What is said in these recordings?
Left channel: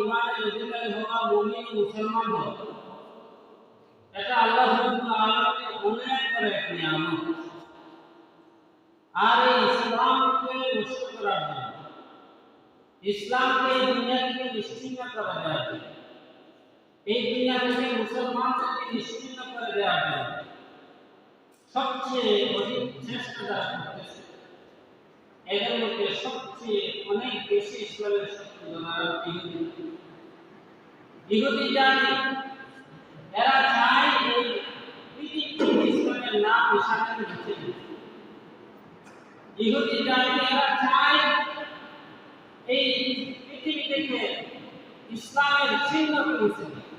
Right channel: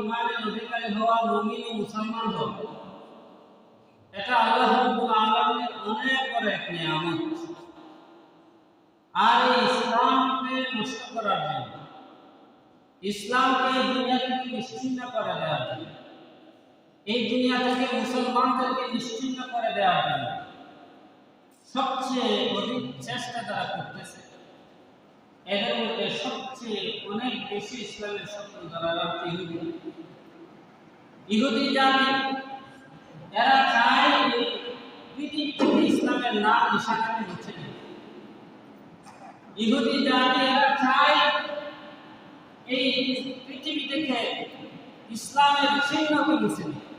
ঈমানের অধিকারী হওয়া, মুমিন ও মুসলমান হওয়া, এটা আল্লাহ রাব্বুল আলামিনের অনেক বড় এক নিয়ামত। আর এই ইসলামকে নষ্ট করার জন্য, ইসলামকে এই দুনিয়া থেকে নিশ্চিহ্ন করে দেওয়ার জন্য, এই দুনিয়া থেকে মুসলমানদেরকে নিশ্চিহ্ন করে দেওয়ার জন্য সবচেয়ে অধিক চেষ্টা যারা করতেছে, এদের মধ্যে সবচেয়ে অনেক বেশি ইসলামের শত্রু যারা ইহুদি। ইহুদি জানে, এরা চায় এই পৃথিবী থেকে ইসলামের নাম নিশানাকে মুছে দিতে। ইহুদি জানে, এরা চায় এই পৃথিবী থেকে ইসলামের চিহ্নকে মুছে দিতে,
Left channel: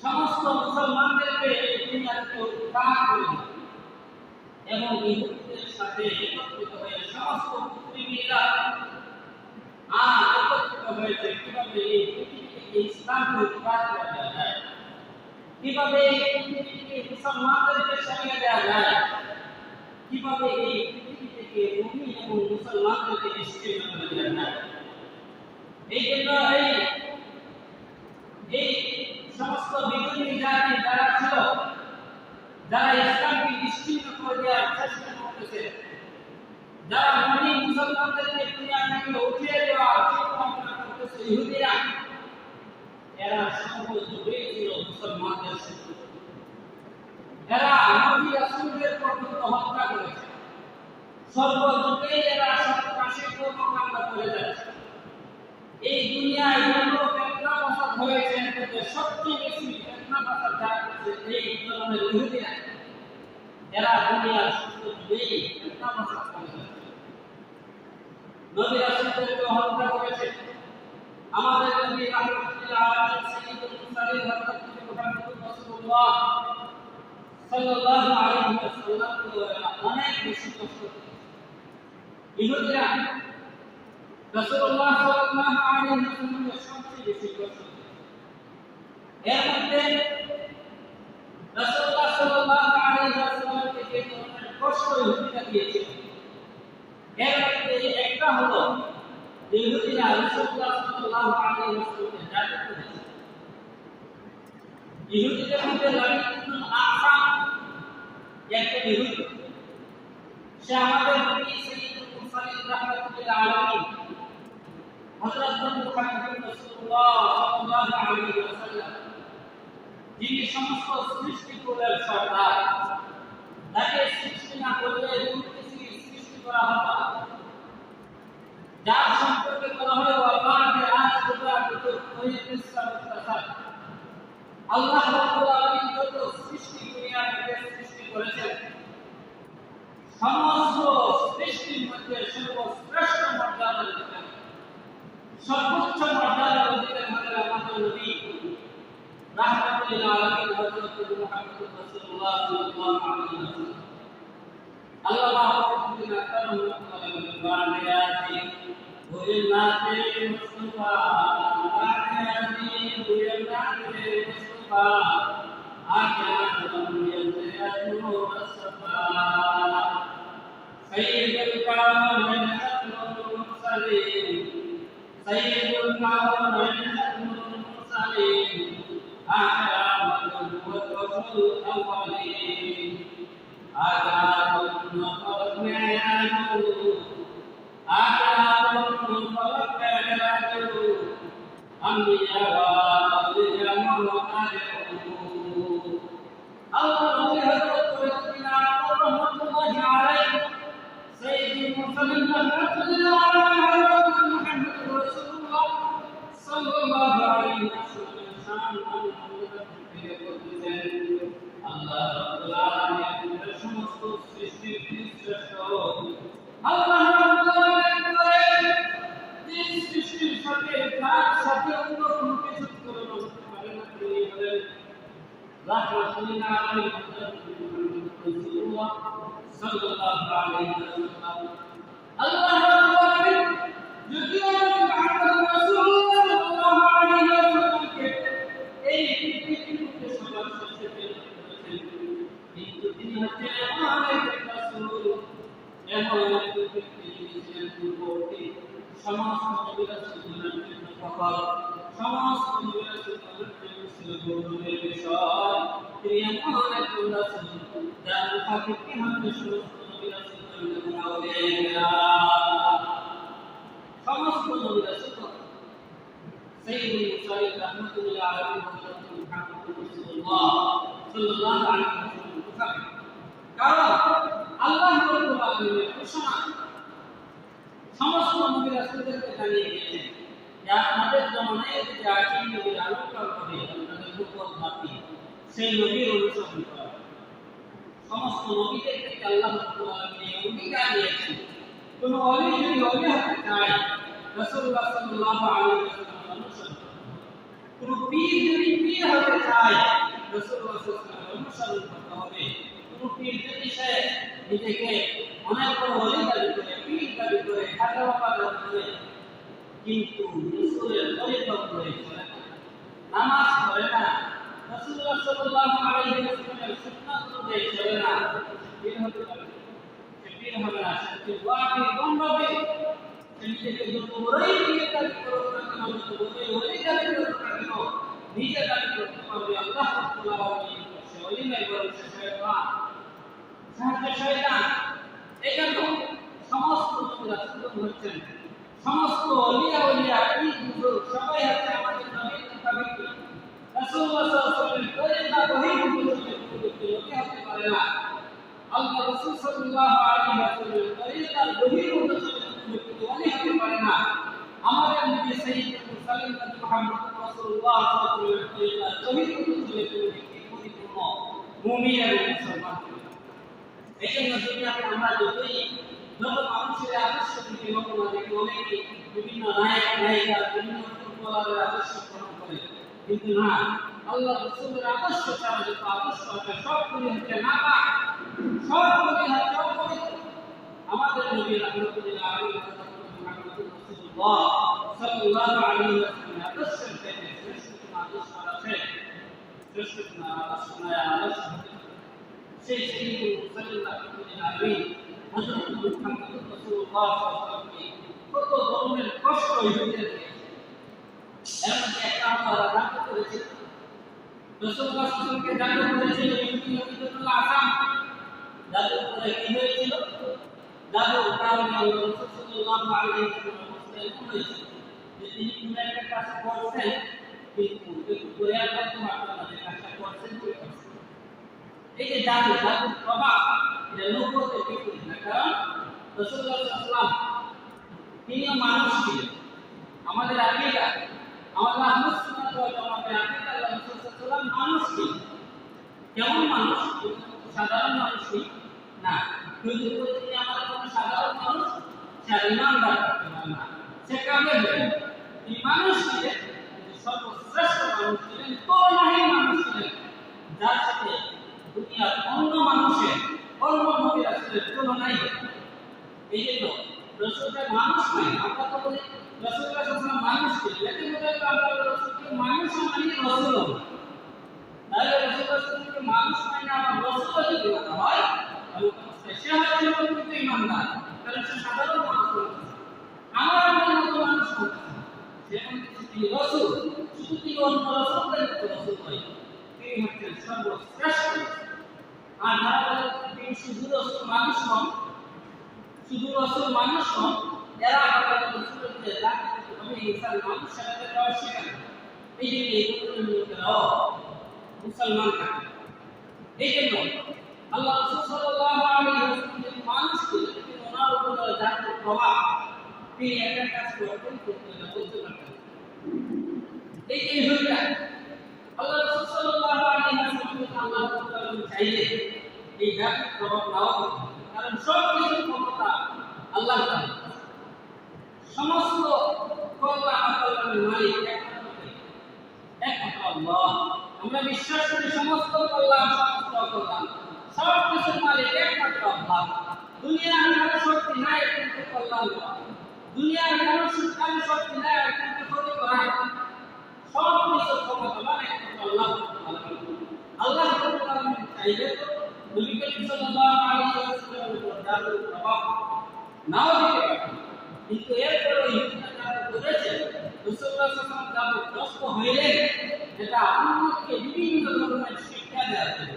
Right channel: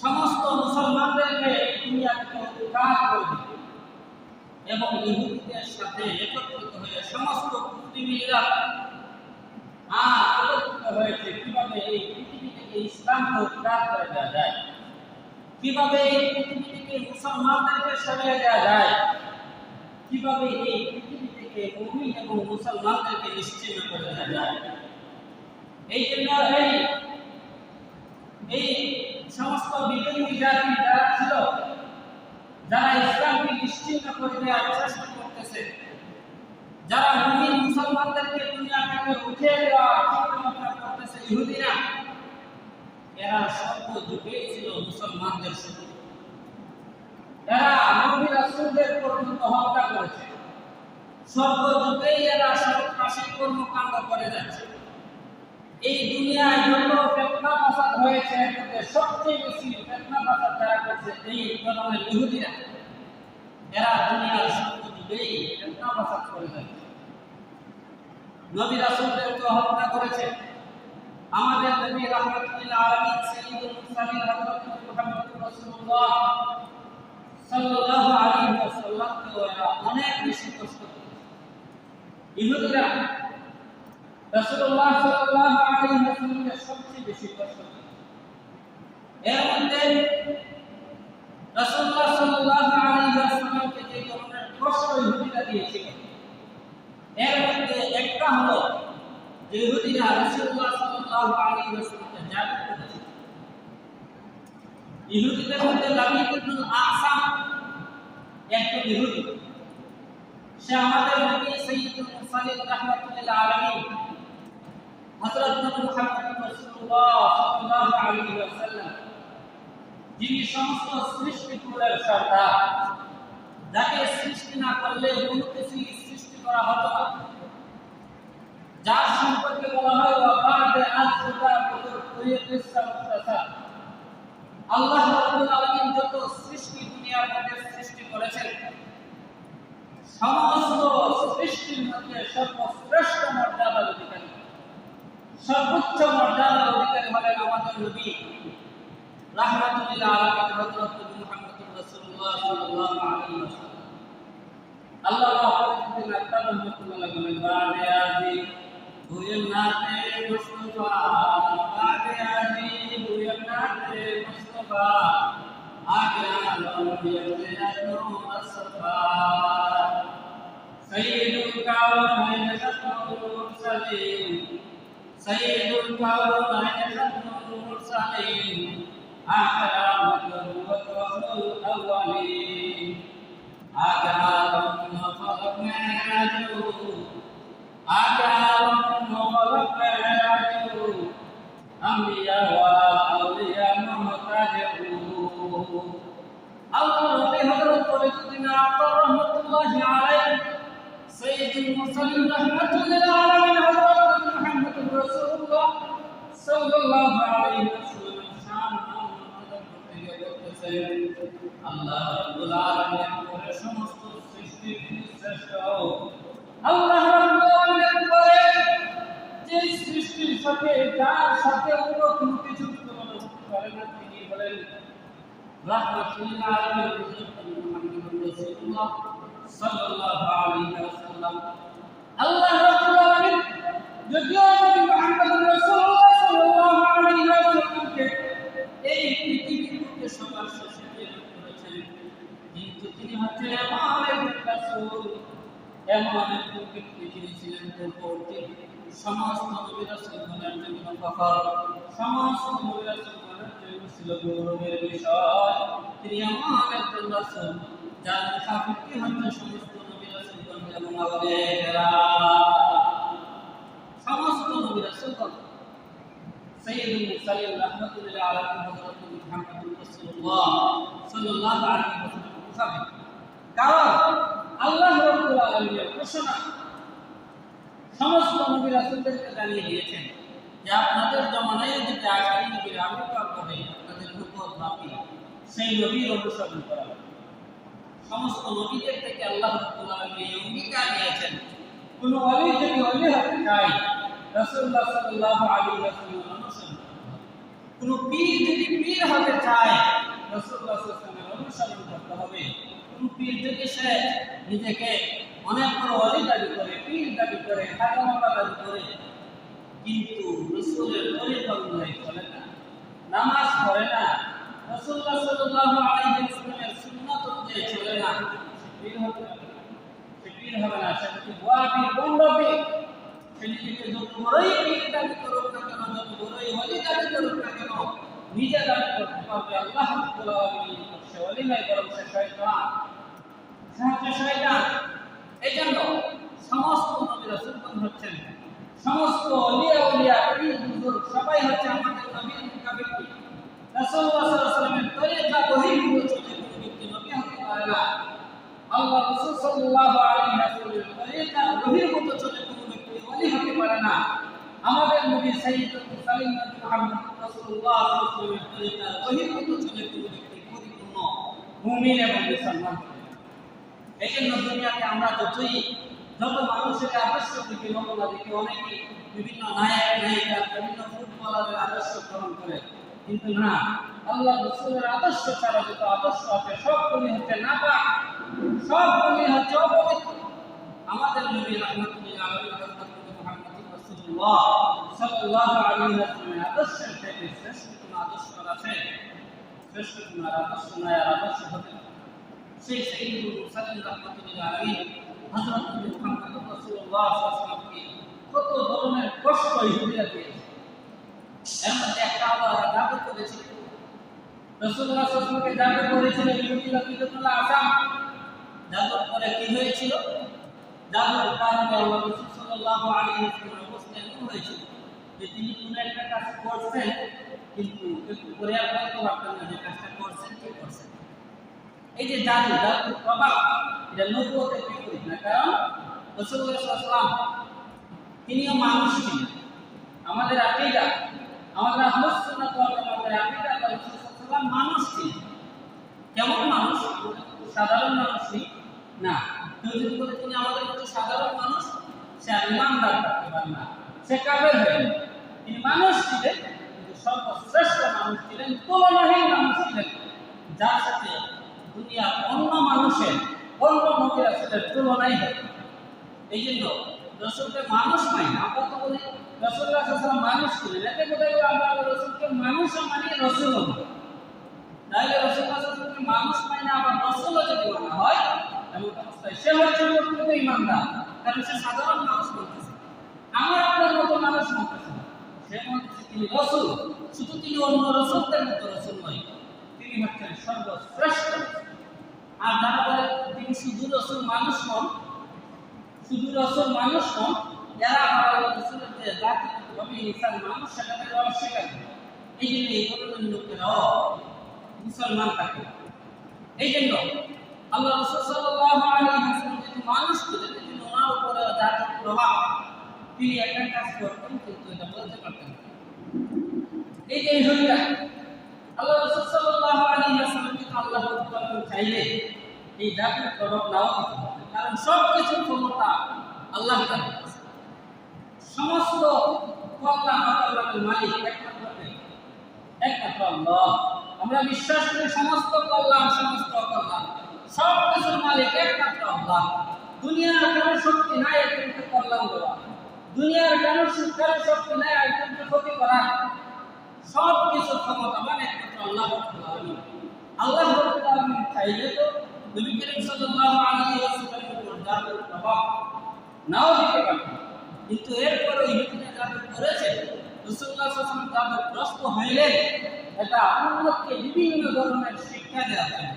সমস্ত মুসলমানদেরকে এই দুনিয়া থেকে উদ্ধার করে দিতে। এবং ইহুদিদের সাথে একত্রিত হয়ে সমস্ত পৃথিবীরা একত্রিত হয়েছে কিভাবে এই পৃথিবী থেকে ইসলামকে উদ্ধার করে দেওয়া যায়, কিভাবে এই পৃথিবী থেকে মুসলমানদেরকে সরিয়ে দেওয়া যায়, কিভাবে এই পৃথিবী থেকে মুমিন এবং মুসলমানদেরকে নিশ্চিহ্ন করে দেওয়া যায়। এই জন্য এই সমস্ত বিরোধী জাতি যারা ছিল, যারা ইসলামকে নিশ্চিহ্ন করে দেওয়ার চেষ্টা করতেছে, যারা মুমিন মুসলমানদেরকে দুনিয়া থেকে উঠিয়ে দেওয়ার চিন্তা ভাবনা করতেছে, ইহুদিরা, এরা সর্বযুগেই ছিল মুসলমানদের শত্রু। এরা নবী রাসূলদের পর্যন্ত হত্যা করেছে, সর্বযুগেই এরা সন্ত্রাসী কর্মকাণ্ড করে যাচ্ছে। এই দুনিয়ায় যত ফিতনা ফাসাদ হয়েছে, এর মধ্যে সবচেয়ে বেশি ফিতনা ফাসাদ যারা করছে এই ধরনের ইহুদিরা। এরা দুনিয়ার সর্বযুগেই ফিতনা ফাসাদ করে যাচ্ছে, নবী রাসূলদেরকে হত্যা করেছে। আমাদের নবী রাহমাতুল আলামিন সাইয়্যিদুল মুরসালিন হযরত মুহাম্মদুর রাসূলুল্লাহ সাল্লাল্লাহু আলাইহি ওয়াসাল্লামকে এরা অনেক বেশি কষ্ট দিয়েছে। ইহুদিরা রাসূলুল্লাহ সাল্লাল্লাহু আলাইহি ওয়াসাল্লামকে সবচেয়ে বেশি কষ্ট দিয়েছে। এর মধ্যে রাসূলুল্লাহ সাল্লাল্লাহু আলাইহি ওয়াসাল্লামকে যে ধরনের কষ্ট ইহুদিরা দিয়েছিল, এর মধ্যে একটা হলো যে ইহুদিরা রাসূলুল্লাহ সাল্লাল্লাহু আলাইহি ওয়াসাল্লামকে জাদু করেছে। ইহুদিদের মধ্যে লাবিদ ইবনুল আকসাম একজন ইহুদি, সে আমাদের নবী সাইয়্যিদুল মুরসালিন রাহমাতুল্লাহ আলাইহি হযরত নবী মুহাম্মদ রাসূলুল্লাহ সাল্লাল্লাহু আলাইহি ওয়াসাল্লাম, যিনি সমস্ত সৃষ্টিকুলের সর্দার, যাকে সৃষ্টি না করলে কোনো কিছু সৃষ্টি করা হতো না, যার সম্পর্কে বলা হয় ওয়াবাদে আসরুকা বিতুরিয়িস সামাসাত। আল্লাহ রাব্বুল আলামিন যত সৃষ্টি দুনিয়ার মধ্যে সৃষ্টি করেছেন, সমস্ত সৃষ্টির মধ্যে সর্বশ্রেষ্ঠ মর্যাদার অধিকারী, সর্বোচ্চ মর্যাদার অধিকারী হলেন আমাদের নবী রাহমাতুল আলামিন হযরত মুহাম্মদ রাসূলুল্লাহ সাল্লাল্লাহু আলাইহি ওয়াসাল্লাম। আল্লাহ পাকের রহমতুল্লাহ বলেন, বাদে আজি হুয়ে নাতে মুস্তাফা, বাদে আজি হুয়ে নাতে মুস্তাফা, আগে আলম ইয়াতু আসফা, সাইয়্যিদুল কাওনাইন খাতমুল মুরসালিন, সাইয়্যিদুল কাওনাইন খাতমুল মুরসালিন, আকরামুল ওয়াসফুল আউয়ালিন, আকরামুল খলকনাজু, আকরামুল খলকনাজু, আম্বিয়া ওয়া আউলিয়া মুহতাজু। আল্লাহ নবী হযরত ফরিদুদ্দীন আতর রহমাতুল্লাহি আলাইহি সাইয়্যিদুল মুরসালিন রাহমাতুল্লাহ আলাইহি হযরত মুহাম্মদুর রাসূলুল্লাহ সাল্লাল্লাহু আলাইহি ওয়াসাল্লাম শান করতেছেন, আল্লাহ রাব্বুল আলামিনের সমস্ত সৃষ্টির শ্রেষ্ঠ আল্লাহ রাব্বুল আলামিন বলেন যে সৃষ্টির সাথে যার সাথে অন্য কোনো কিছু তুলনা করে না, তিনি বলেন রাহমাতুল আলামিন হযরত মুহাম্মদুর রাসূলুল্লাহ সাল্লাল্লাহু আলাইহি ওয়াসাল্লাম। আল্লাহ রাব্বুল আলামিন যদিও নবী মুহাম্মদুর রাসূলুল্লাহ সাল্লাল্লাহু আলাইহি ওয়াসাল্লামকে এই পৃথিবীতে সবার শেষে প্রেরণ করেছেন, কিন্তু তিনি হচ্ছেন এমন একজন রাসূল, এমন একজন ব্যক্তি যিনি ছিলেন পূর্ববর্তী সমস্ত নবী রাসূলগণের জন্য ফখর, সমস্ত নবী রাসূলগণের জন্য ছিল গৌরবের বিষয়। তিনি এমন একজন রাসূল যার মুখাপেক্ষি হচ্ছে সমস্ত নবী রাসূলগণ এবং আউলিয়ায়ে কেরাম। সমস্ত নবী রাসূলগণ সাইয়্যিদুল মুরসালিন রাহমাতুল আলামিন হযরত মুহাম্মদুর রাসূলুল্লাহ সাল্লাল্লাহু আলাইহি ওয়াসাল্লাম মুখাপেক্ষি। কারণ আল্লাহ রাব্বুল আলামিনের ঘোষণা সমস্ত নবী রাসূলদেরকে জানিয়ে দিয়েছেন যে আপনাদের জমানায় যদি আখেরি নবীর আবির্ভাব হবে, আপনাদের হুকুম নাপি সেই নবীর অনুসরণ করা। সমস্ত নবীদের থেকে আল্লাহ রাব্বুল আলামিন এই অঙ্গীকার দিয়েছেন, কোন ওলি যদি ওলি হতে চায় রাসূলুল্লাহ সাল্লাল্লাহু আলাইহি ওয়াসাল্লামের অনুসরণ করতে হবে। কোন পীর যদি পীর হতে চায় রাসূলুল্লাহ সাল্লাল্লাহু আলাইহি ওয়াসাল্লামের অনুসরণ করতে হবে। কোন পীর যদি সে নিজেকে অনেক বড় ওলি দাবি করে, পীর দাবি করে, খাজা বাবা দাবি করে, কিন্তু রাসূলের তরিকা অনুযায়ী চলে না, নামাজ পড়ে না, রাসূলুল্লাহ সাল্লাল্লাহু আলাইহি ওয়াসাল্লামের সুন্নাত অনুযায়ী চলে না, পীর হবে না। সে পীর হবে না, সে যদি ওয়াহাবি বন্ধবি, সে নিজেকে যত বড়ই পীর দাবি করুক না কেন, যত বড়ই ওলি দাবি করুক না কেন, নিজে দাবি করতে পারবে আল্লাহ রাব্বুল আলামিন সে ওলি নয়, বরং সে শয়তান, সাহায্য শয়তান। এজন্য সমস্ত নবী রাসূলগণ হচ্ছেন, সমস্ত আউলিয়া পীর বুজুর্গ সবাই হচ্ছে আমাদের নবীর মুখাপেক্ষি। রাসূলুল্লাহ সাল্লাল্লাহু আলাইহি ওয়াসাল্লামের তরিকা বহির্ভূত চলে কোনো ব্যক্তি নবী হতে পারে না। আল্লাহ রাসূল সাল্লাল্লাহু আলাইহি ওয়াসাল্লামের তরিকা বহির্ভূত চলে কোনো ব্যক্তি ওলি হতে পারে না। আমাদের নবী সাইয়্যিদুল মুরসালিন নবী মুহাম্মদ রাসূলুল্লাহ সাল্লাল্লাহু আলাইহি ওয়াসাল্লামের তরিকা বহির্ভূত চলে কোনো ব্যক্তি পরিপূর্ণ মুমিন এবং মুসলমান হবে না। এজন্য দুনিয়াতে আমরা যত মানুষের আদর্শ থেকে নমুনা দেখি, অনেকে বিভিন্ন নায়ক নায়িকা, বিভিন্ন ফুটবলারের আদর্শ গ্রহণ করে, কিন্তু না, আল্লাহ রাসূলের আদর্শ ছাড়া যত আদর্শ আছে সবগুলি হচ্ছে নাপাক, সবগুলি হচ্ছে অপবিত্র। আমাদের নবী রাহমাতুল্লিল আলামিন হযরত মুহাম্মদুর রাসূলুল্লাহ সাল্লাল্লাহু আলাইহি ওয়াসাল্লামের আদর্শের থেকে শ্রেষ্ঠ কোন আদর্শ আছে? শ্রেষ্ঠ কোন আদর্শ নয়, আদর্শ হতে সেই সাইয়্যিদুল মুরসালিন রাহমাতুল্লিল আলামিন হযরত মুহাম্মদুর রাসূলুল্লাহ সাল্লাল্লাহু আলাইহি ওয়াসাল্লামকে কত ধরনের কষ্ট ইহুদিরা দিয়েছে। এর মধ্যে একটা আবার জাদু করেছিল, রাসূলুল্লাহ সাল্লাল্লাহু আলাইহি ওয়াসাল্লামকে জাদু করেছিল ইহুদি লকিতুল্লাহ আসাম। জাদুর পরে কি হয়েছিল? জাদুর কারণে আল্লাহ রাসূল সাল্লাল্লাহু আলাইহি ওয়াসাল্লাম অবস্থা এরকম হয়েছিল যে তিনি কোন একটা কাজ করছেন, কিন্তু একটু করে আর করতে পারতেন না যে কাজটা করছেন কি করছেন। এই যে জাদুর প্রভাব, এটা নবুয়তের বিপরীত না। কারণ রাসূলুল্লাহ সাল্লাল্লাহু আলাইহি ওয়াসাল্লাম তিনিও মানুষ ছিলেন। আমাদের আকীদা, আমাদের আহলুস সুন্নাত ওয়াল জামাতের আকীদা, আল্লাহ রাসূল সাল্লাল্লাহু আলাইহি ওয়াসাল্লাম মানুষ ছিলেন। কেমন মানুষ? সাধারণ মানুষ না। কেউ যদি বলে তিনি আমাদের মতো সাধারণ মানুষ, সে আর ইমানদার থাকতে পারে না, সে কাফের হয়ে যাবে। তিনি মানুষ ছিলেন, কিন্তু সর্বশ্রেষ্ঠ মানুষ ছিলেন, তুলনাহীন মানুষ ছিলেন, যার সাথে দুনিয়ার অন্য মানুষের, অন্য নবী রাসূলের তুলনাই হয়। এই জন্য রাসূলকে মানুষ নয়, আমরা তো বলি রাসূলুল্লাহ সাল্লাল্লাহু আলাইহি ওয়াসাল্লাম মানুষ ছিলেন, এতে বোঝা গেল আমরা রাসূলকে মানুষও মানি, রাসূলও মানি। তাহলে রাসূলুল্লাহ সাল্লাল্লাহু আলাইহি ওয়াসাল্লামকে মানুষ মানে আবার রাসূলও যদি মানা হয়, এমন অবস্থায় সে হচ্ছে প্রকৃত ঈমানদার, কারণ সে সাধারণ মানুষ বলতেছে, আমার আপনার মতো মানুষ বলতেছে না। সে বলতেছে তিনি রাসূল, শুধু তিনি অন্য রাসূলদের মতো রাসূল নয়, তিনি হচ্ছেন সর্বশ্রেষ্ঠ। আর যারা বলে তিনি শুধু রাসূল মানুষ নন, শুধু রাসূল মানুষ নন, এরা আবার রাসূলের যে জাতি হবে ইনসান মানুষ, সেটাকে অস্বীকার করে। এই জন্য এই ধরনের লোকেরাও মুসলমান থাকে। এই জন্য আল্লাহ রাসূল সাল্লাল্লাহু আলাইহি ওয়াসাল্লাম যদি মানুষ ছিলেন, কিন্তু ওনার উপরে জাতির প্রভাব, তিনি একটা কাজ করতেন কিন্তু এটা বলতে পারতেন না। এই যে ইহুদিরা আল্লাহ রাসূল সাল্লাল্লাহু আলাইহি ওয়াসাল্লামকে আল্লাহ তাআলা চাইলে এই জাতির প্রভাব নাও দিতে পারে, কারণ সব কিছুর ক্ষমতা আল্লাহ তাআলার কাছে। সমস্ত কল্যাণ অকল্যাণের মালিক একমাত্র আল্লাহ। আমরা বিশ্বাস করি সমস্ত কল্যাণ, সমস্ত অকল্যাণ, সব কিছুর মালিক একমাত্র আল্লাহ। দুনিয়ার কোনো শক্তি নাই একজনকে কল্যাণ দেওয়া, দুনিয়ার কোনো শক্তি নাই একজনকে ক্ষতি করা। সব কিছু ক্ষমতাবান একমাত্র আল্লাহ রাব্বুল আলামিন। আল্লাহ রাব্বুল আলামিন চাইলে তো নবী করিম সাল্লাল্লাহু আলাইহি ওয়াসাল্লামের উপর জাদুর প্রভাব নাও দিতে পারতেন, কিন্তু এরপরও ইহুদিরা জাদু করেছে, রাসূলুল্লাহ সাল্লাল্লাহু আলাইহি ওয়াসাল্লাম জাদু গ্রস্ত হইলে এটা উম্মতকে বিভিন্ন ধরনের শিক্ষা দেওয়া হবে।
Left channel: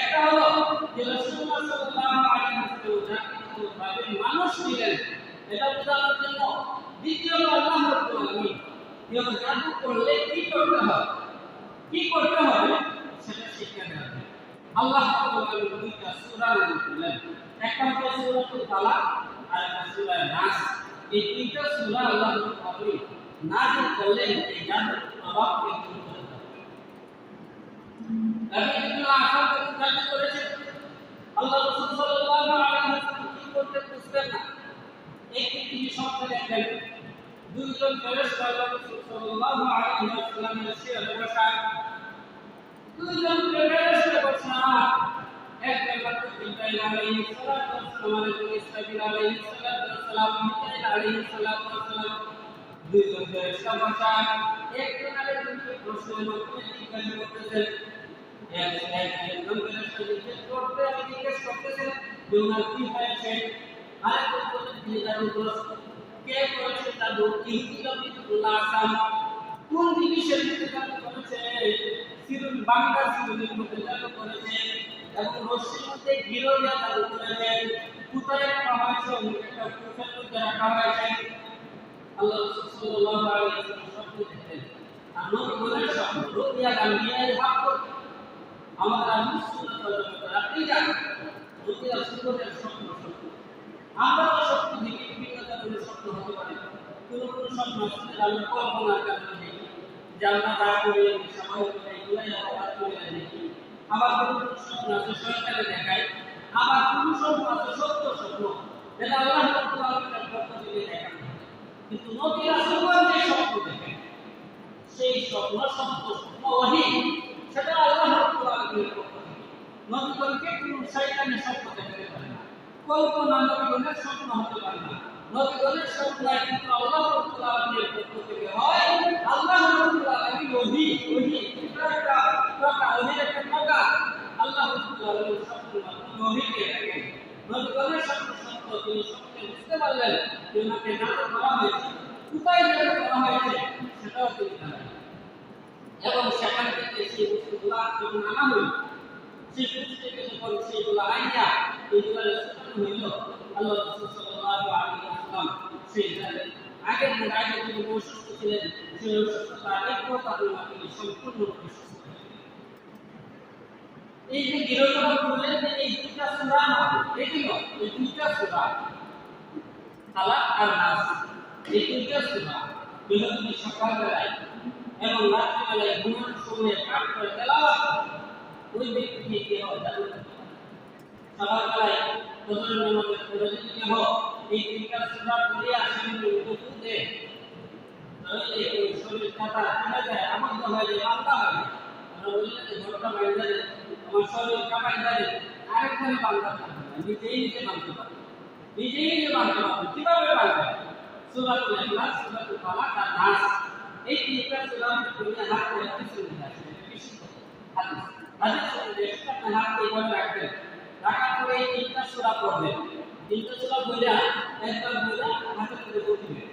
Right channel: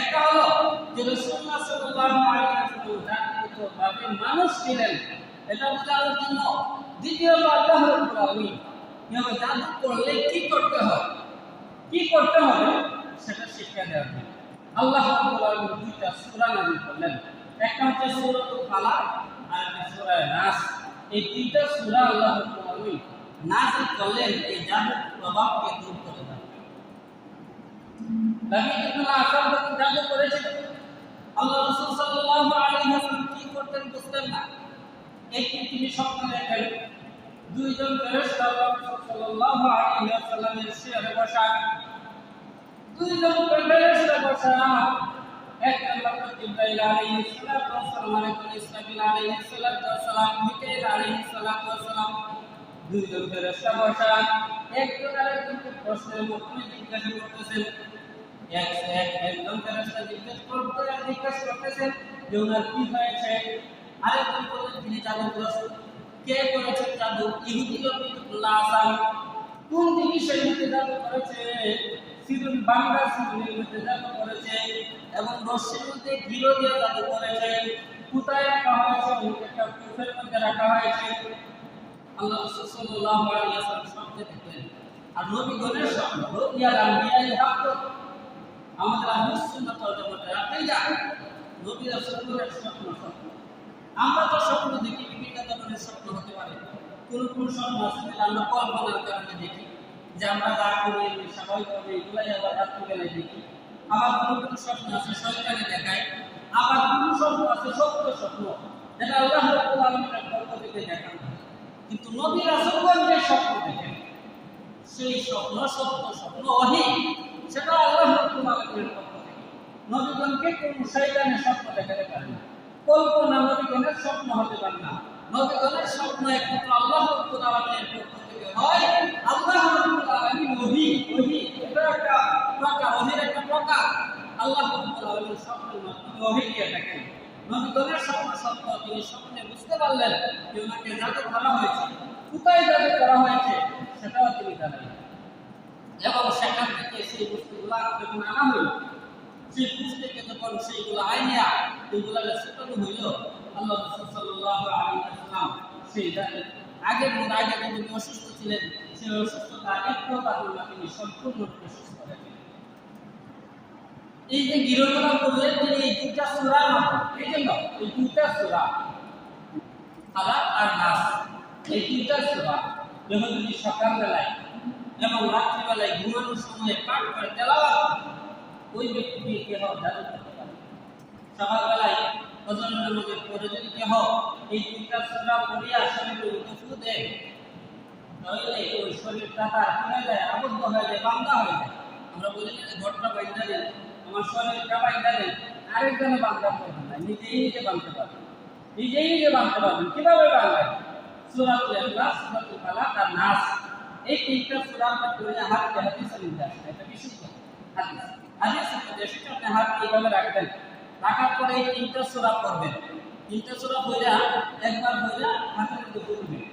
একটা হলো যে রাসূলুল্লাহ সাল্লাল্লাহু আলাইহি ওয়াসাল্লাম জাতিগতভাবে মানুষ ছিলেন, এটা বোঝানোর জন্য। দ্বিতীয়ত আল্লাহ রাব্বুল আলামিন কেউ জাদু করলে কি করতে হয়, কি করতে হবে সেটা শিক্ষা দেওয়া হবে। আল্লাহ রাব্বুল আলামিন দুইটা সূরা নাযিল করলেন, একটা হচ্ছে সূরাতুল ফালাক আর একটা সূরা নাস। এই দুইটা সূরা আল্লাহ রাব্বুল আলামিন নাযিল করলেন এই জাদুর প্রভাবকে দূর করে দেওয়ার জন্য। নবী ইবনে আসাদ যখন জাদু করেছেন, আল্লাহ রাসূল সাল্লাল্লাহু আলাইহি ওয়াসাল্লাম কি করতেন বুঝতেন না। একদিন তিনি স্বপ্নে দেখেন দুইজন ফেরেশতা আল্লাহ রাসূল সাল্লাল্লাহু আলাইহি ওয়াসাল্লামের শিরে বসা, দুইজন ফেরেশতা বসা, একজন হলো জিবরাইল আলাইহিস সালাতু ওয়াস সালাম, আরেকজন ইসরাফিল আলাইহিস সালাতু ওয়াস সালাম, মিকাইল আলাইহিস সালাতু ওয়াস সালাম। দুইজন ফেরেশতা বসা একজন আরেকজনকে প্রশ্নের মাধ্যমে জিজ্ঞাসা করতেছেন। একজন ফেরেশতা জিজ্ঞেস করতেছেন যে ওনার কি হয়েছে, আরেকজন বলেন তিনি জাদুগ্রস্ত। কে করেছে জাদু? ইহুদি লোক ইবনুল্লাহ আসাম। কোন দিকে সে জাদু করেছে? সিরুল বাংলা সিরুলের মধ্যে জাদু করেছে এবং রশ্মির মধ্যে ঘিরো দিয়ে জাদু করেছে। কোথায় রাখা হয়েছে? একটা কুফের মধ্যে রাখা হয়েছে। আল্লাহ রাসূল সাল্লাল্লাহু আলাইহি ওয়াসাল্লাম স্বপ্নে দেখলেন। আর নবীগণের স্বপ্ন রুইয়াল আম্বিয়াই হক। আমাদের আহলুস সুন্নাত ওয়াল জামাতের আকীদা নবী রাসূলের স্বপ্ন সত্য। আমরা তো স্বপ্ন দেখি, বিভিন্ন ধরনের স্বপ্ন হতে পারে। কোন কোন স্বপ্ন আসলে আমরা কল্পনার কারণে দেখি, যে আমরা যা করি স্বাভাবিকভাবে এগুলাই আবার রাত্রিবেলায় দেখি। আবার কোন কোন স্বপ্ন আছে শয়তানে দেখায়, আবার কোন স্বপ্ন আছে সত্য স্বপ্ন, যেটা আল্লাহ রাব্বুল আলামিনের পক্ষ থেকে দেখানো। কিন্তু নবী রাসূলগণ যে স্বপ্ন দেখেন সেই স্বপ্ন সত্য স্বপ্ন, ওহী, সেটা আল্লাহ রাব্বুল আলামিনের পক্ষ থেকে। নবীগণকে কোন শয়তানের স্বপ্ন দেখাতে পারে না, কল্পনা নবীগণের স্বপ্ন হতে পারে না। নবীগণের স্বপ্ন একমাত্র আল্লাহ রাব্বুল আলামিনের পক্ষ থেকে হয়। আল্লাহ রাব্বুল আলামিন ওহী, এটা একটা প্রকার, ওহীর একটা প্রকার। আল্লাহ রাব্বুল আলামিন স্বপ্নের মাধ্যমে ওহী দিয়ে থাকেন। নবীগণের স্বপ্ন সত্য, তিনি স্বপ্নে বুঝতে পারলেন যে ওনাকে জাদু করা হয়েছে, কোথায় জাদু করা হয়েছে সেটাও তিনি জানেন। এবং সেখান থেকে সেই বস্তুগুলা যখন আনা হইল, সেই পুষ থেকে যখন সেইগুলো আইনা এইগুলা ছোটানো হইল, আল্লাহ রাসূল সাল্লাল্লাহু আলাইহি ওয়াসাল্লাম সেই আগে যদি অসুস্থ ছিলেন, সেই অসুস্থতা এক প্রকারের মাধ্যমে সম্পূর্ণরূপে সুস্থ হয়ে গেলেন। এই যে গিরোগুলো করলেন তিনি এই দুইটা সূরার মাধ্যমে, এই জন্য এই দুইটা সূরা ফালাক আর নাস, এই দুইটা সূরা যখন তিনি সকালবেলায় এবং রাত্রিবেলায় ঘুমানোর সময় পাঠ করে তেলাওয়াত, ওই ব্যক্তি কি হয় জাদু করতে পারে। সকালবেলায় ফজরের নামাজের পরে যদি কেহ এই তিনটা সূরা পড়িয়া শরীরে উদফু দেয়, তাহলে ওই শরীরটা তার হয়ে যায়, আবদ্ধ হয়ে যায়, বান্ধা হয়ে যায়। আমরা বলি না যে ঘরটা বান্ধা দেন, আমার শরীরটা বান্ধা দেন, আরেকজনে বান্ধা করবে না, নিজে বাঁধতে পারবে, নিজে বাঁধতে পারবেন। কিভাবে বাঁধবেন? সূরাতুল ইখলাস, সূরাতুল ফালাক আর নাস, এই তিনটা সূরা আমরা পড়ে হাদিসের মধ্যে আছে, এটা বিশুদ্ধ হাদিস। হাদিসের মধ্যে এসেছে আপনি হাত এইভাবে রাখবেন, রাখার পরে এই তিনটা সূরা পড়বেন। তিনটা সূরা পড়া একবার পড়া হাতের মধ্যে ফুঁ দিবেন,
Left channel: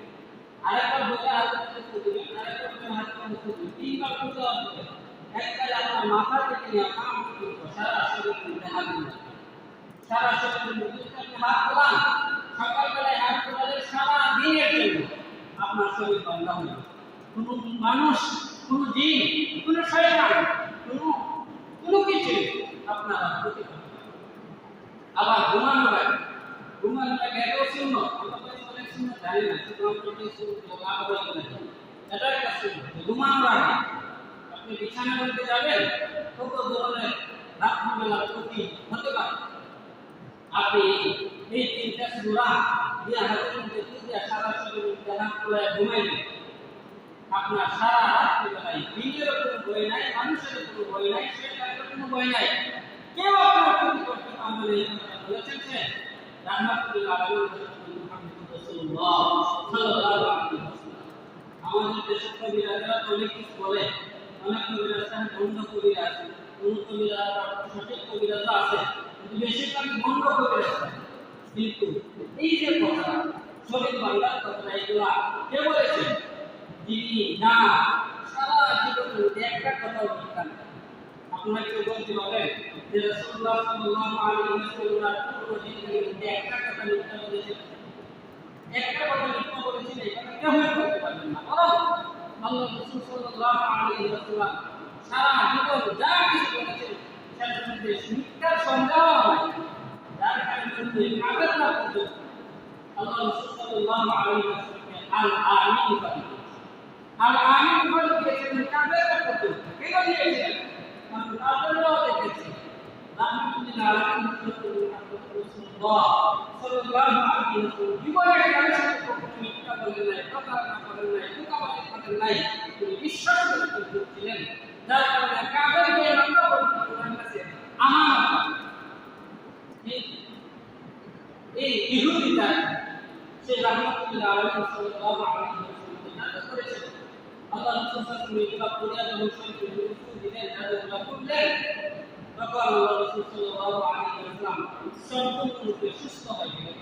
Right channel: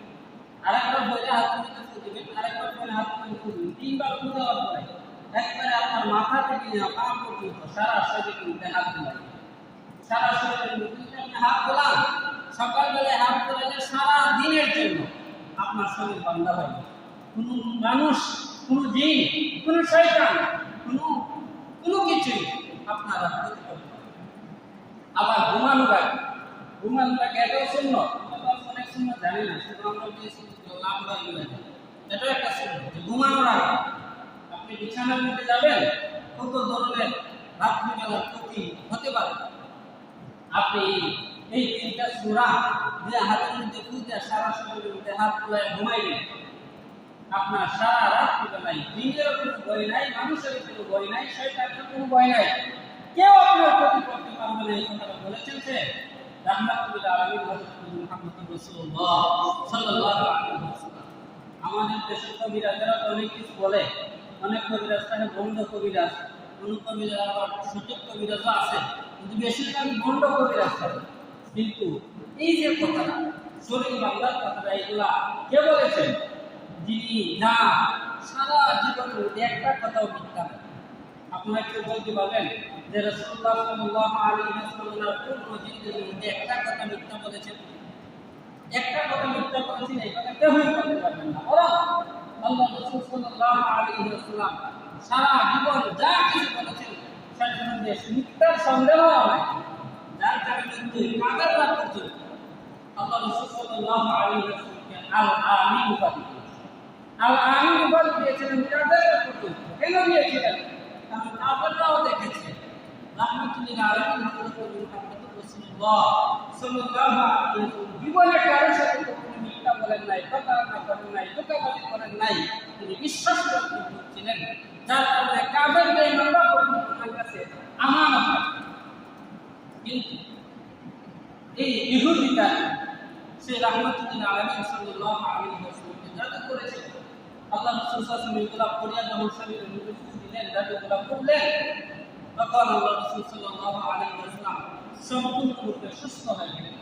আরেকবার পড়া হাতের মধ্যে ফুঁ দিবেন, আরেকবার পড়া হাতের মধ্যে ফুঁ দিবেন। তিনবার ফুঁ দেওয়ার পরে একবারে আপনার মাথা থেকে নিয়ে পা পর্যন্ত সারা শরীরের মধ্যে হাত দিবেন। সারা শরীরের মধ্যে আপনি হাত তোলান, সকালবেলায় হাত তোলালে সারা দিনের জন্য আপনার শরীর বান্ধা হয়ে যাবে। কোনো মানুষ, কোনো জিন, কোনো শয়তান, কোনো কিছু আপনারা ক্ষতি করতে পারে। আবার ঘুমানোর আগে এটাও সুন্নাত, আমরা অনেক সুন্নাত জানি না, শুধু আমরা যে সুন্নাতগুলো লাভ হয়ে গেলে এটা একটা সুন্নাত। ঘুমানোর আগে আপনি বিছানার মধ্যে যাবেন, কত ধরনের রাত্রিবেলার ক্ষতি হতে পারে। আপনি এই তিনটা সূরা যে হাতের মধ্যে পুঁতে সারা শরীরের মধ্যে হাত তোলায় ঘুমাইবেন, আপনার সারা রাত্রিবেলায় দিনের কোনো ভয় নাই, মানুষের কোনো ভয় নাই, শয়তানের কোনো ভয় নাই, কেউ আপনার ক্ষতি করতে পারবে না। এই কথাটা বলেছেন যে রাহমাতুল আলামিন হযরত মুহাম্মদ রাসূলুল্লাহ সাল্লাল্লাহু আলাইহি ওয়াসাল্লাম। আমাদের দেশের কবিরাজরা অনেক কিছু বলে, অনেক কবিরাজ থাকে বন্ধ কবিরাজ, কোন কবিরাজ আবার সঠিক কবিরাজও আছে, কিন্তু বেশিরভাগ বন্ধ কবিরাজ থাকে। কিন্তু এই যে কথাটা শরীর বাংলার কথাটা, এগুলা কে বলেছেন? যিনি না কথার মধ্যে একটা কথাও মিথ্যা নেই। আপনারা কেউ বলতে পারবেন যে রাসূলুল্লাহ সাল্লাল্লাহু আলাইহি ওয়াসাল্লাম পূর্ণ জিন্দেগীর মধ্যে একটা কথা মিথ্যা বলেছেন? একটা কথা মিথ্যা বলেছেন এই কথা কেউই বলতে পারবেন না। বরং আল্লাহ রাসূল সাল্লাল্লাহু আলাইহি ওয়াসাল্লাম সারা জীবন যা কিছু বলেছেন সেটার মধ্যে মিথ্যার সন্দেহ হয়। যার কারণে কিন্তু কাদের না পর্যন্ত আল্লাহ রাসূল সাল্লাল্লাহু আলাইহি ওয়াসাল্লামকে আল আমিন উপাধি দিয়েছেন। আল আমিন উপাধি দিয়েছিলেন কাদের না পর্যন্ত। কেন দিয়েছিলেন? কারণ কাদেররাও দেখেছে রাহমাতুল্লিল আলামিন হযরত রাসূলুল্লাহ সাল্লাল্লাহু আলাইহি ওয়াসাল্লাম জীবনে কারোর সাথে কখনো মিথ্যা বলেন নাই, প্রতারণা করেন নাই, ধোঁকাবাজি করেন নাই। তিনি বিশ্বাসযোগ্য ছিলেন, যার কারণে কাদের বেঈমানরা পর্যন্ত তার কাছে আমানত। কিন্তু এই ইহুদিটা সেই রাহমাতুল্লিল আলামিন সাল্লাল্লাহু আলাইহি ওয়াসাল্লামকে জাদু করেছে। আল্লাহ রাসূল সাল্লাল্লাহু আলাইহি ওয়াসাল্লাম পরিয়া যখন শরীরে রুকু দিলেন, জাদুগুলো করলেন, তখন আল্লাহ রাসূল সাল্লাল্লাহু আলাইহি ওয়াসাল্লাম সম্পূর্ণরূপে সুস্থ হয়ে গেলেন।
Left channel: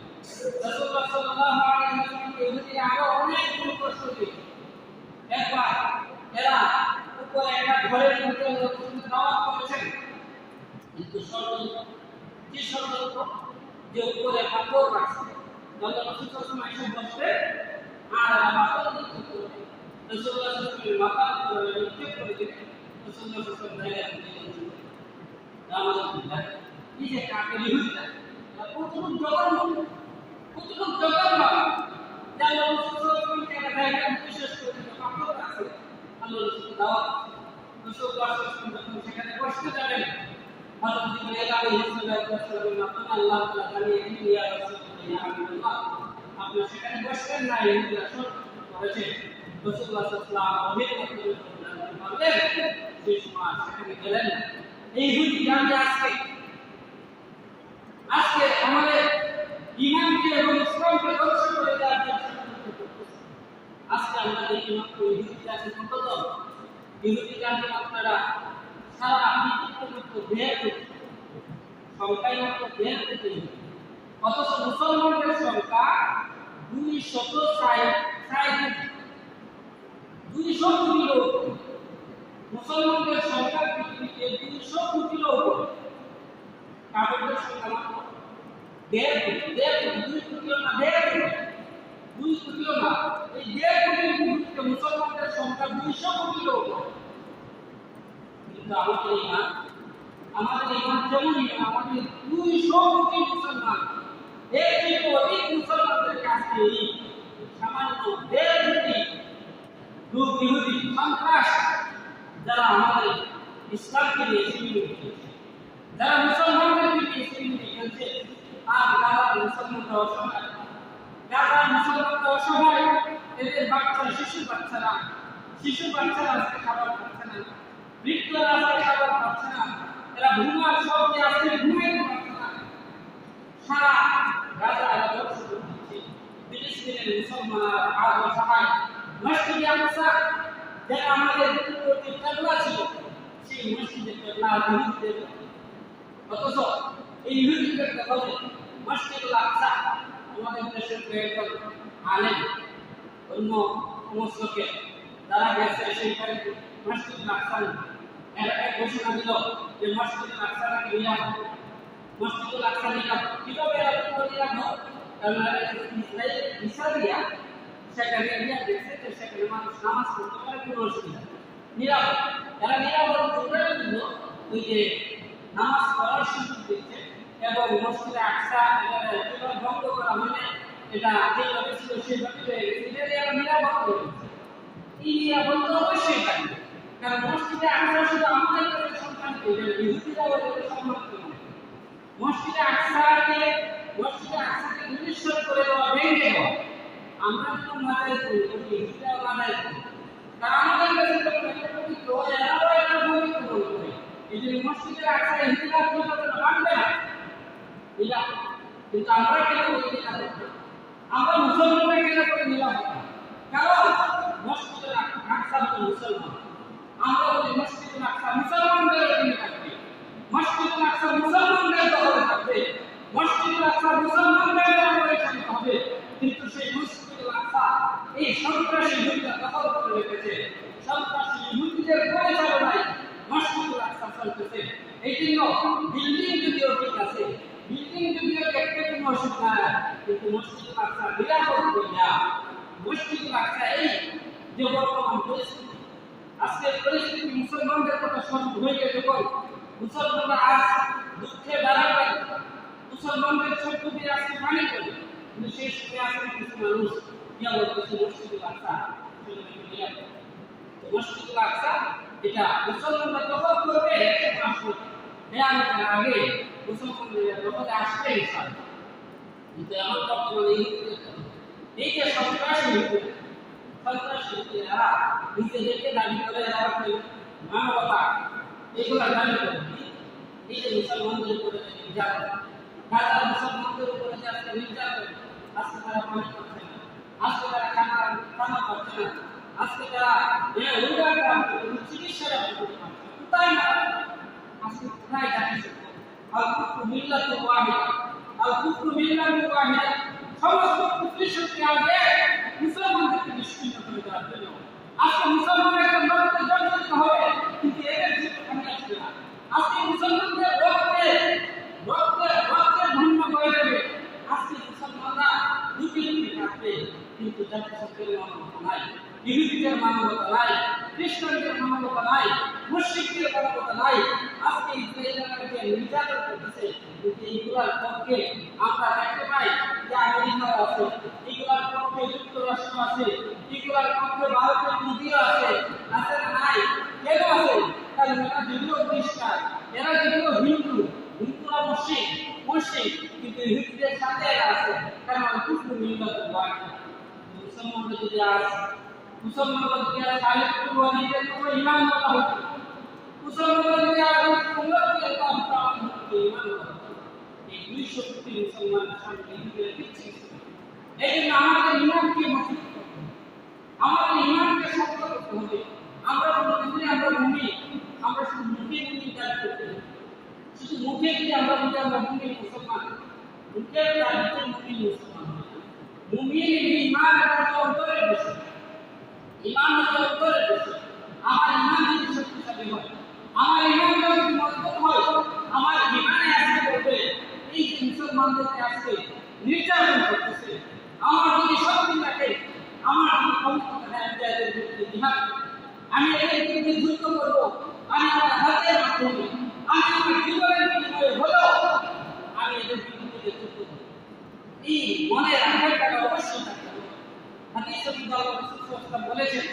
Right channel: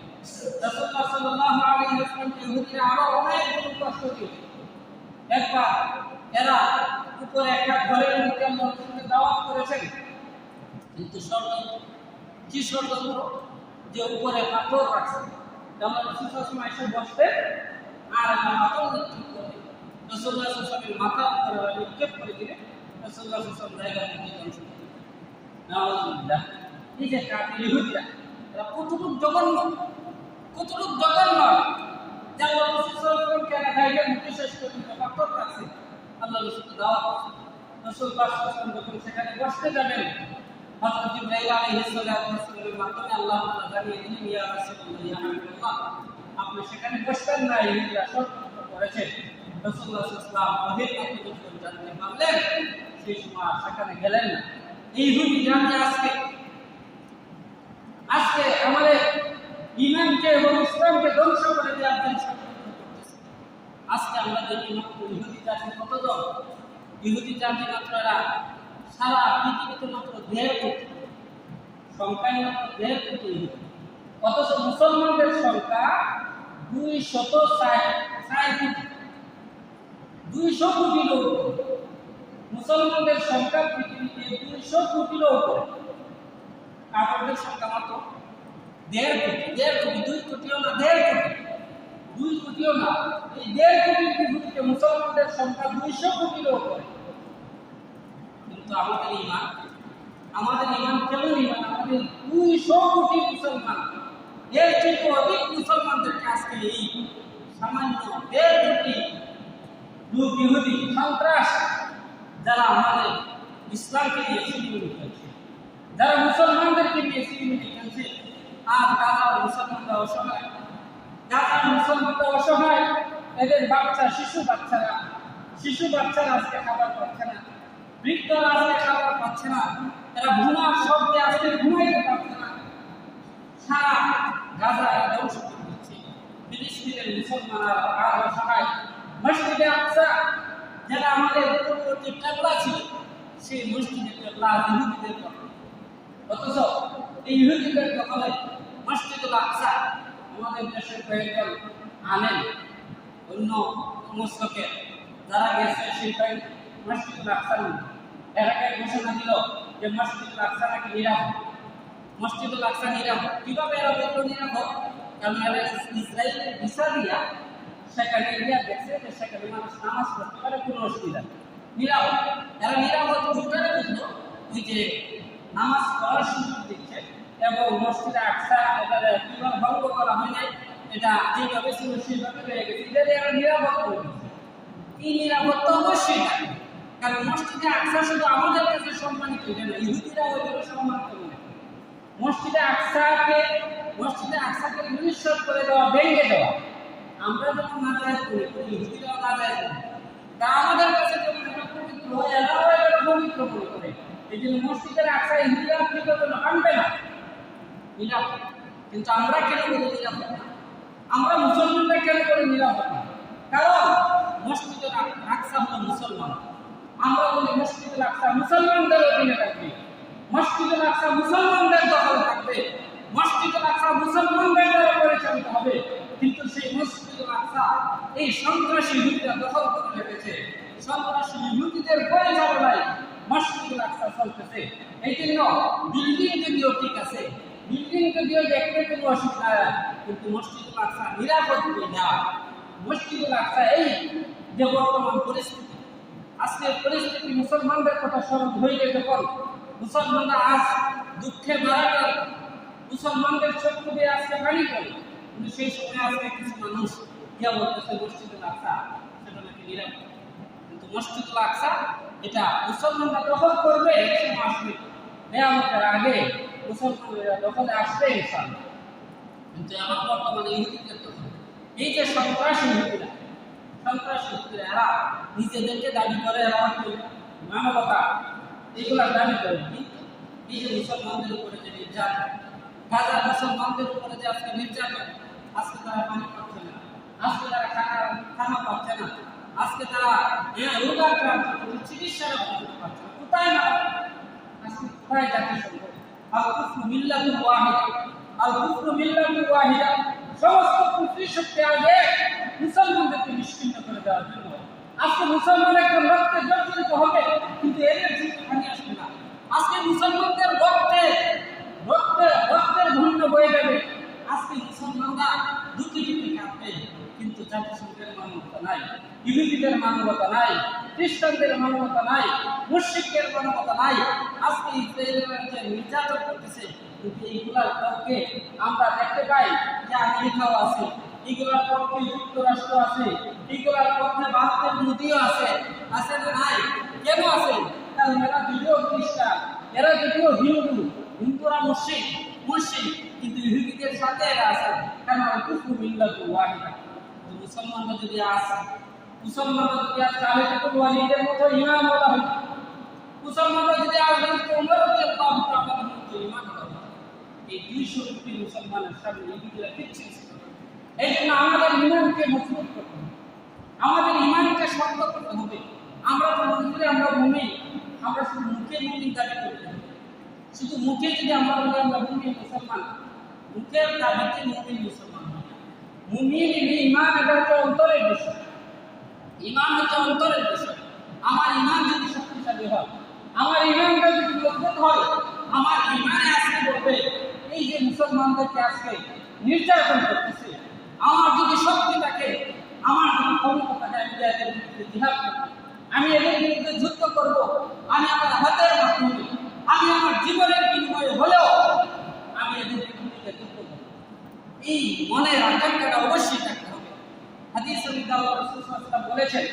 রাসূলুল্লাহ সাল্লাল্লাহু আলাইহি ওয়াসাল্লামকে ইহুদিরা আরো অনেক কষ্ট দিল। একবার এরা উপরে একটা ঘরের মধ্যে আল্লাহ রাসূলকে দাওয়াত করেছেন, কিন্তু কি ষড়যন্ত্র যে উপরে পাথর রাখছে। আল্লাহ রাসূল সাল্লাল্লাহু আলাইহি ওয়াসাল্লাম এসে বসতেন আর পাথর নিক্ষেপ করে রাসূলুল্লাহ সাল্লাল্লাহু আলাইহি ওয়াসাল্লামের মাথার উপরে নিক্ষেপ করে দিলেন। রাসূলুল্লাহ সাল্লাল্লাহু আলাইহি ওয়াসাল্লাম জায়গা থেকে চলে গেলেন। নাউযুবিল্লাহ। এই যে কাফির ইহুদিরা এরা কতটুকু জঘন্য যে আল্লাহ রাসূল সাল্লাল্লাহু আলাইহি ওয়াসাল্লামকে এরা জায়গা মুক্তি শেষ করে দিল, পাথর রাখছে। আল্লাহ রাসূলকে দাওয়াত রাসূলুল্লাহ সাল্লাল্লাহু আলাইহি ওয়াসাল্লাম যখন সেখানে বসতে যাবেন, হযরত জিবরাইল আলাইহিস সালামের মাধ্যমে আল্লাহ তাআলা জানিয়ে দিলেন, ইয়া রাসূলুল্লাহ ইয়া হাবিবাল্লাহ, আপনি সেখানে বসবেন না, ইহুদিরা ষড়যন্ত্র করেছে। রাসূলুল্লাহ সাল্লাল্লাহু আলাইহি ওয়াসাল্লাম ওহির মাধ্যমে জানতে পারলেন, সেই সময় সেখানে গেলেন না। এই ইহুদি জানতে আজকে আমাদের ঈমানকে এবং ইসলামকে ধ্বংস করে দেওয়ার জন্য ষড়যন্ত্র করতেছে। আজকে আমরা দেখি মাত্র ইহুদি জাতি কতজন, ইহুদি জাতি মাত্র এরা সারা পৃথিবীতে মাত্র 1.5 কোটি, সংখ্যায় মাত্র 1.5 কোটি। অথচ মুসলমানদের সংখ্যা 260 কোটি, 200 কোটি লোক। মুসলমানদের সংখ্যা পৃথিবীতে 200 কোটির উপরে। কাফেরদের সংখ্যা মাত্র 1.5 কোটি, 2 কোটিও না, 1.5 কোটি, 2 কোটিও না। এই 1.5 কোটির বিপরীতে মুসলমানদের সংখ্যা 200 কোটির উপরে। কিন্তু আমাদের ঈমান কেমন ঈমান? আমাদের 200 কোটি মুসলমান, এর চেয়ে অধিক মুসলমানদেরকে আজকে এই সামান্য 1.5 কোটি লোক ইহুদি সন্ত্রাস, যারা আমাদের ইসলামকে নিয়ে সিনেমিনি খেলছে, যারা মুসলমানদেরকে নিয়ে সিনেমিনি খেলছে। আর যারা মুসলমানরা অসহায়, এদের শিশু বাচ্চারা আজকে খাবার পাচ্ছে না, বৃদ্ধরা আজকে খাবার পাচ্ছে না, এরা ঘুমার শব্দে আজকে ঘুমাইতে পারছে না। সারা গাজা ধ্বংস করে দিচ্ছে। ফিলিস্তিনের মুসলমানরা আর অসহায়। মসজিদে আকসা, যারা আমাদের পূর্ববর্তী কিবলা ছিল, সেই মসজিদের কিবলা ইহুদিদের দখলে। অথচ এই ইহুদিদের দখলে মসজিদুল আকসা আমাদের দেশের কয়েকজন আলেম, অন্য মসলকে যারা গেছে সেই মসজিদুল আকসা এরা এক ঘোষণা দিল যে মসজিদুল আকসা নাকি নিরাপদ। মসজিদুল আকসা নিরাপদ কিভাবে এরা বলল নিরাপদ? কারণ ইসরায়েলের ভিসা দিয়া সেখানে নিয়ে দেখছে যে সেখানে মানুষ নামাজ পড়তে পারে, কোনো অসুবিধা নেই, নিরাপদ। এরা নিরাপদ কোথায় বুঝলো? ওই যে নামাজ পড়ার সুযোগ দিচ্ছে এবং মসজিদে আকসা এটা কিভাবে ভঙ্গ করা হয় না, এটা যেভাবে ছিল সেইভাবে রয়ে গেছে, এটা এরা নিরাপদ করে দিচ্ছে। এই নিরাপত্তা অবশ্যই থাকবে, কারণ মসজিদে আকসা শুধু আমাদের কাছে সম্মানিত, ইহুদিরা ওইভাবে সম্মানিত নয়। মসজিদে আকসাকে নিঃস্ব করে দেওয়া, ভেঙে দেওয়া, আমরা যখন নাজায়েজ করি, ইহুদিরাও নাজায়েজ করে। তা আমাদের কাছে যখন এটা পবিত্র, এরাও এটা পবিত্র মনে করে। এই জন্য মসজিদের আকসা ইহুদিরা কি করতে মানবে না, নিরাপদ। কিন্তু আমরা কেন বলি নিরাপদ না? আমরা মুসলমানরা কেন করে নিরাপদ না? কারণ মসজিদের আকসা হলো মুসলমান। আমরা বলি মসজিদুল আকসা মুসলমানদের অধীনে থাকবে, মসজিদুল আকসা মুসলমানদের দখলে থাকবে, মসজিদুল আকসা মুসলমানদের দ্বারা পরিচালিত হবে। কিন্তু সেই মসজিদুল আকসা এই সন্ত্রাসী ইহুদিরা দখল করে রেখেছে। সন্ত্রাসী ইহুদিদের ইহুদিদের পরিচালনায় মসজিদুল আকসা চলতেছে। এই জন্য বিল্ডিং যদিও ঠিক আছে, বিল্ডিং যদিও দেখতে কোনো অসুবিধা নাই, কিন্তু মসজিদুল আকসা নিরাপদ না। মসজিদুল আকসা এই যে বর্তমান পরিস্থিতি, আজকের পরিস্থিতি মুসলমানদের কথা স্মরণ হয়ে যখন মুসলমানরা আজ দুঃখে বাড়াবাড়ি, মুসলমানদের চক্ষু দিয়ে আজকে পানি পড়ে, কিন্তু সেই সময় আজকে কিছু মানুষ ইয়া বলতেছে মসজিদুল আকসা সেটা নাকি নিরাপদ। কিন্তু মসজিদুল আকসা এটা মুসলমানরা দখল করবে সময় আসবে, নেয়ামতের আগে মুসলমানরা দখলে আসবে ইনশাআল্লাহ। কিন্তু এখন বর্তমানে ইহুদিদের কথা, এই যে সন্ত্রাসী ইহুদিরা এরা নিজেদেরকে দাবি করে, এরা মানবতা এগুলা দাবি করে। এই যে মুসলমানদের উপরে যে নির্যাতন, গাজার মুসলমানদের উপরে যে আজকে নির্যাতন, আজকে তারা পানি পাচ্ছে না, আজকে তারা খানা পাচ্ছে না, আজকে তারা রোগাক্রান্ত চিকিৎসাটা করতে পারছে না, কোথায় না আজকে কোথায় জাতিসংঘ আল কুফরু মিল্লাতুল ওয়াহিদা, আল কুফরু মিল্লাতুল ওয়াহিদা, সমস্ত কুফরি শক্তি আগে মুসলমানদেরকে নিশ্চিহ্ন করে দেওয়ার জন্য। আজকে মুসলমান একটা রক্তে জর্জরিত হবে, কিন্তু এদের জীবন পানি আসবে না। আজকে মুসলমানদের রক্তের ভিন্ন বয়ে যাবে। আজকে মুসলমানরা দুটি কাঁদবে, কিন্তু জাতিসংঘের মানবতা নাই, ইহুদিদের মানবতা নাই, খ্রিস্টানদের মানবতা নাই, মুশরিকদের মানবতা নাই। আজকে ইসরায়েলেরা যে নির্যাতন করতেছে, কিন্তু এইগুলার পক্ষে আমরা দেখতে পাই যে আমেরিকাও আছে, এইগুলার পক্ষে যুক্তরাষ্ট্র আছে, এইগুলার পক্ষে ভারতের মোদিও আছে না নাই? কেন আছে? কারণ এরা যদিও খ্রিস্টান, এরা যদিও হিন্দুরা মুশরিক, কিন্তু ইহুদিদের সাথে এরা আছে, কারণ কুফরু মিল্লাতুল ওয়াহিদা। মুসলমানরা যদি খালিদ বিন ওয়ালিদের মতো ঈমান ওয়ালা হতো, মুসলমানরা যদি উমর রাদিয়াল্লাহু তাআলার মতো ঈমান ওয়ালা হতো, এই 200 কোটি মুসলমানের সামনে ইহুদিরা কিচ্ছু ছিল না। এই জন্য আমাদের ঈমানকে মজবুত করতে হবে, আমাদের ঈমানকে শক্ত করতে হবে। আমরা তো মনে করি আমরা মুমিন, আমরা শুধু মুখে মুমিন দাবি করতে হবে। শুধু মুখে যদি আমরা বলি আমরা মুমিন মুসলমান, মুখের দাবিতে মুমিন মুসলমান, মুমিন ঈমান এটা তো অন্তরের বিষয়, ঈমান হচ্ছে অন্তরের বিষয়। আমার ঈমান যদি শক্তিশালী হয়, আমার ঈমানটা যদি মজবুত হয়, আমার ঈমানে আজকে বলবে এই যে মুসলমানদেরকে আজকে নির্যাতন করতেছে, আমার যদি শক্তি থাকে, আমার যদি ক্ষমতা থাকে, আমি এদের বিরুদ্ধে জিহাদ করব, আমি এদের বিরুদ্ধে যুদ্ধ করব, আমি আমার হাতের মাধ্যমে, আমি আমার জীবনের বিনিময়ে হলেও আমি এদের বিরুদ্ধে যুদ্ধ করব। এই মনের আকাঙ্ক্ষাটা অবশ্যই থাকতে হবে। হাদিস শরীফে আল্লাহ রাসূল সাল্লাল্লাহু আলাইহি ওয়াসাল্লাম বলেছেন,